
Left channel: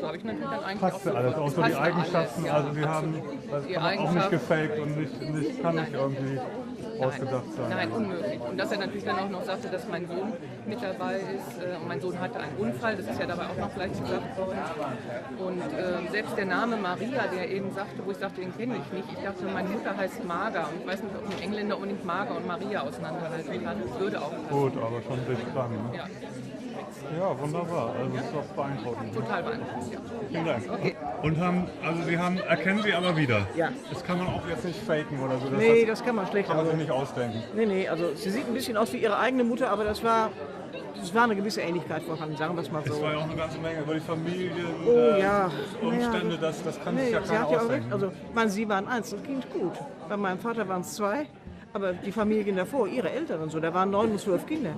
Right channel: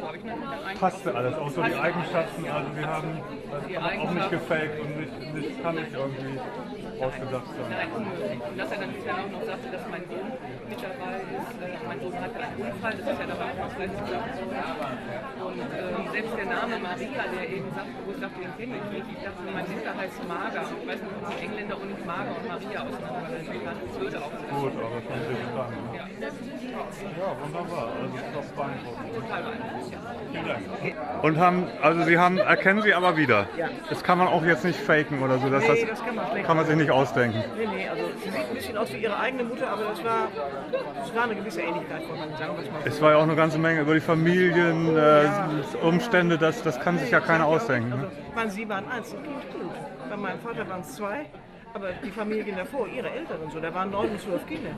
so habe ich natürlich dann eigentlich Passte alles, auch so die Eigenschaften, ja, also Sie haben das die kann man auch nicht Eigenschaften. gefaked und kann nicht irgendwie ausgedacht sein. Nein, unmöglich. Und dass er natürlich dann auch noch sagte, dass mein Sohn mit dabei ist. Mein Sohn hatte einen Unfall, das ist ja dabei auch noch gleich gesagt worden. Und selbst der Name Maria, der eben sagte, wo ich dachte, den kenne ich nicht. Ich dachte, meine Mutter heißt Mager. Und ich weiß nicht, ob die Engländer auch nicht Mager und Maria auseinanderhalten kann. Das würde auch nicht. Gut, aber das ist dran. Ja. Ja, wunderbar. Also das ist doch beeindruckend. Total beeindruckend, ja. Vielen Dank. Und erkennen Sie aber wieder. Ja. Das kann man auch jetzt nicht faken oder so. Nee, das kann man schlecht. kann man sich nicht ausdenken. Nee, also sie sieht ein bisschen aus wie ihre eigene Mutter, aber das war eine gewisse Ähnlichkeit vorhanden, sagen wir es mal so. Es war ja auch eine ganze Menge über die Familien, Umstände, das kann sich ja ich keiner sag ausdenken. Also, ich meine, sie waren Einzelkind, gut. Bei meinem Vater waren es 2, aber die Familien davor, ihre Eltern und so, da waren 9 bis 12 Kinder.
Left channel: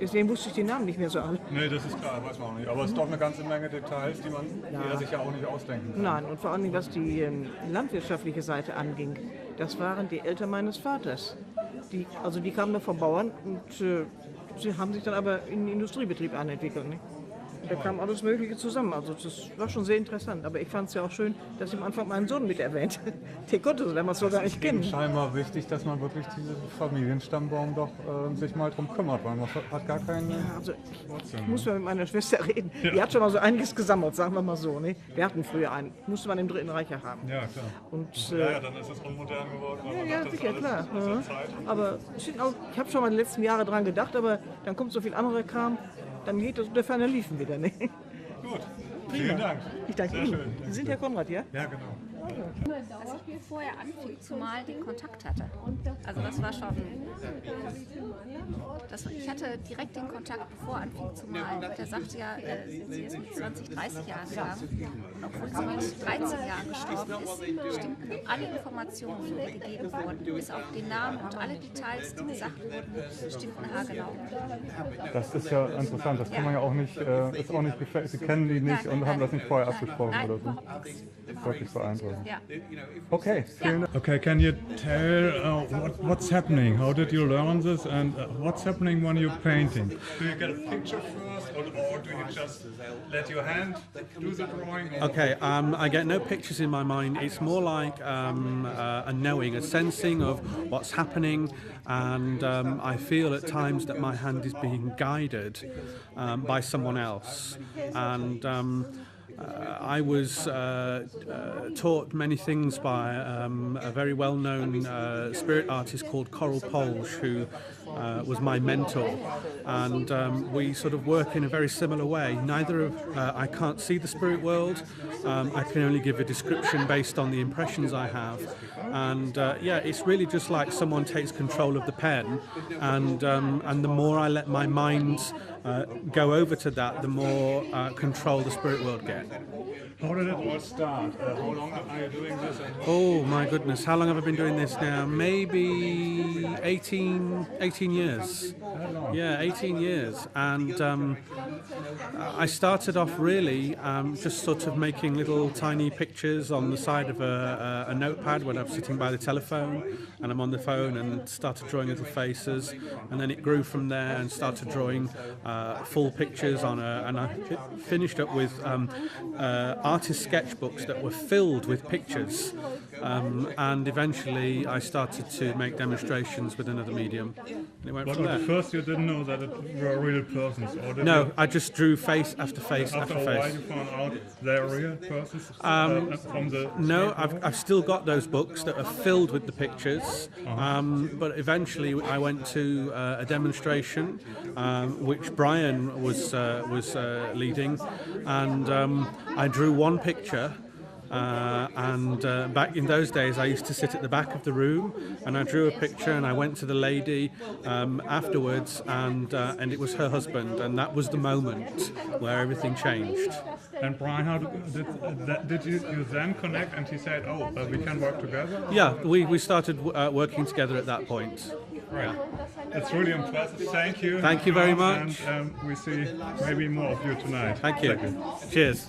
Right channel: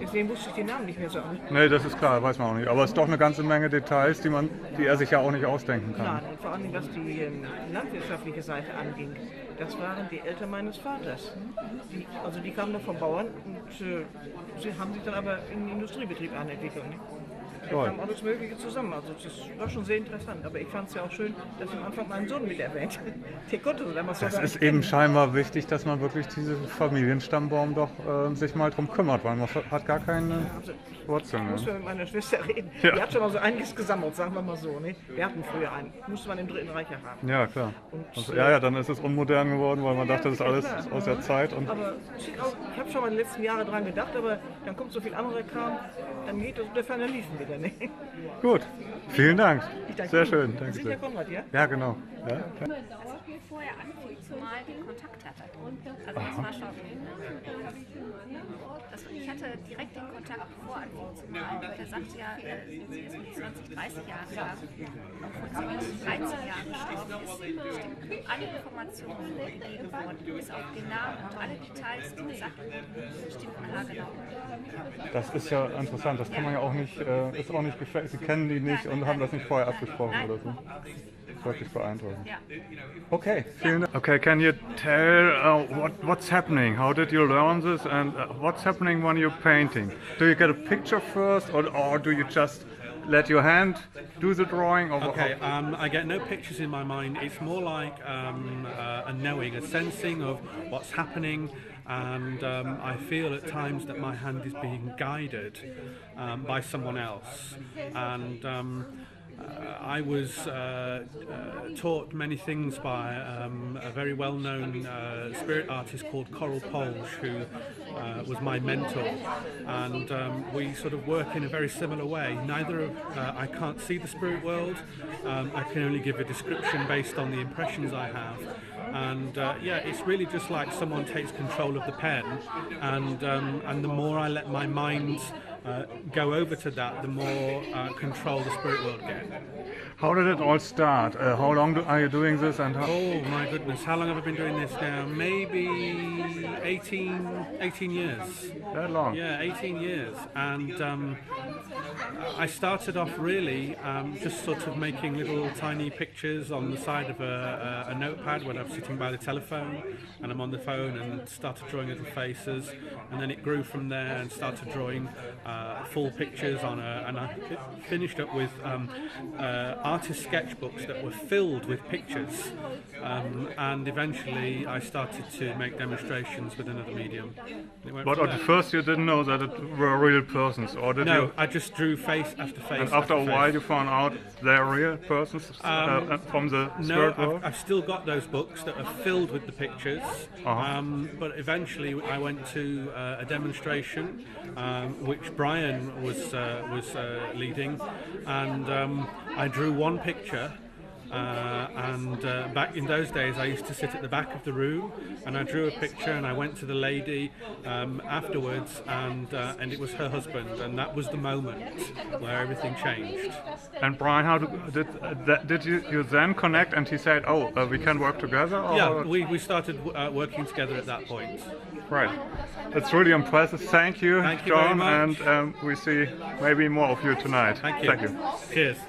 Deswegen wusste ich den Namen nicht mehr so alle. Nee, das ist klar, weiß man auch nicht. Aber es ist doch eine ganze Menge Details, die er sich ja auch nicht ausdenken kann. Nein, und vor allem, was die landwirtschaftliche Seite anging, das waren die Eltern meines Vaters. Die kamen noch vom Bauern und sie haben sich dann aber in den Industriebetrieb anentwickelt. Ne? Da kam alles Mögliche zusammen. Also das war schon sehr interessant. Aber ich fand es ja auch schön, dass Sie am Anfang meinen Sohn mit erwähnt. Der konnte so damals sogar Es ist eben scheinbar wichtig, dass man wirklich diesen Familienstammbaum doch sich mal drum kümmert, weil man hat gar keine Wurzeln. Ich muss mal mit meiner Schwester reden. Ja. Die hat schon mal so einiges gesammelt, sagen wir mal so. Ne? Wir hatten früher einen. Musste man im Dritten Reich ja haben. Ja, klar. Und, Ja, dann ist es unmodern geworden, weil man dachte, das ist ja, alles klar. aus der Zeit. Und Aber ich habe schon mal in den letzten Jahren dran gedacht, aber dann kommt so viel andere Kram, dann geht das der Ferner liefen wieder. Ne? gut, vielen Dank. Ich danke Sehr Ihnen. schön, Sie danke sind ja sehr. Konrad, ja? Ja, genau. Ja. Als ich vorher anfing zu malen, den Kontakt hatte. Also das war schon... Ich hatte direkt den Kontakt, bevor anfing zu malen. Und er sagte ja, sie ist mit 20, 30 Jahren gestorben. Und obwohl sie mit 13 Jahren gestorben ist, stimmten alle Informationen, die mir gegeben wurden, bis auf den Namen und alle Details, die gesagt wurden, stimmten haargenau. Das ist ja interessant, das kann man ja auch nicht, ist auch nicht gefällt. Sie kennen die nicht und haben das nicht vorher abgesprochen Nein, oder so. überhaupt nichts. Das ist wirklich beeindruckend. Ja. Okay, vielen Dank. Okay, can you tell what's happening? How did you learn this and what's happening when you're painting? Do you get a picture first or do you just let your hand do the drawing? Or Okay, I get no pictures in my mind. It's more like a knowing, a sensing of what's happening, and I feel at times that my hand is being guided by someone else. And I was taught many things by a very well-known spirit artist called Coral Polge, who was my mentor, and we sort of work in a very similar way. Neither of I can't see the spirit world. I can only give a description based on the impressions I have. And yeah, it's really just like someone takes control of the pen, and the more I let my mind go over to that, the more control the spirit world gets. How did it all start? How long are you doing this? And oh my goodness, how long have I been doing this now? Maybe 18 years. That long? Yeah, 18 years. And I started off really just sort of making little tiny pictures on the side of a notepad when I'm sitting by the telephone, and I'm on the phone, and started drawing little faces, and then it grew from there and started drawing full pictures on and I finished up with artist sketchbooks that were filled with pictures, and eventually I started to make demonstrations with another medium. But at first you didn't know that it were real persons, or did you? No, I just drew face after face. And after a while you found out they're real persons from the spirit world? No, I've still got those books that are filled with the pictures, but eventually I went to a demonstration which Bryan was leading, and I drew one picture, and back in those days I used to sit at the back of the room, and I drew a picture, and I went to the lady afterwards, and it was her husband, and that was the moment where everything changed. And Bryan, how did you then connect, and he said, oh, we can work together? Or? Yeah, we started working together at that point. Right. It's really impressive. Thank you. Thank you John, very much. And we see maybe more of you tonight. Thank you. Thank you. Cheers.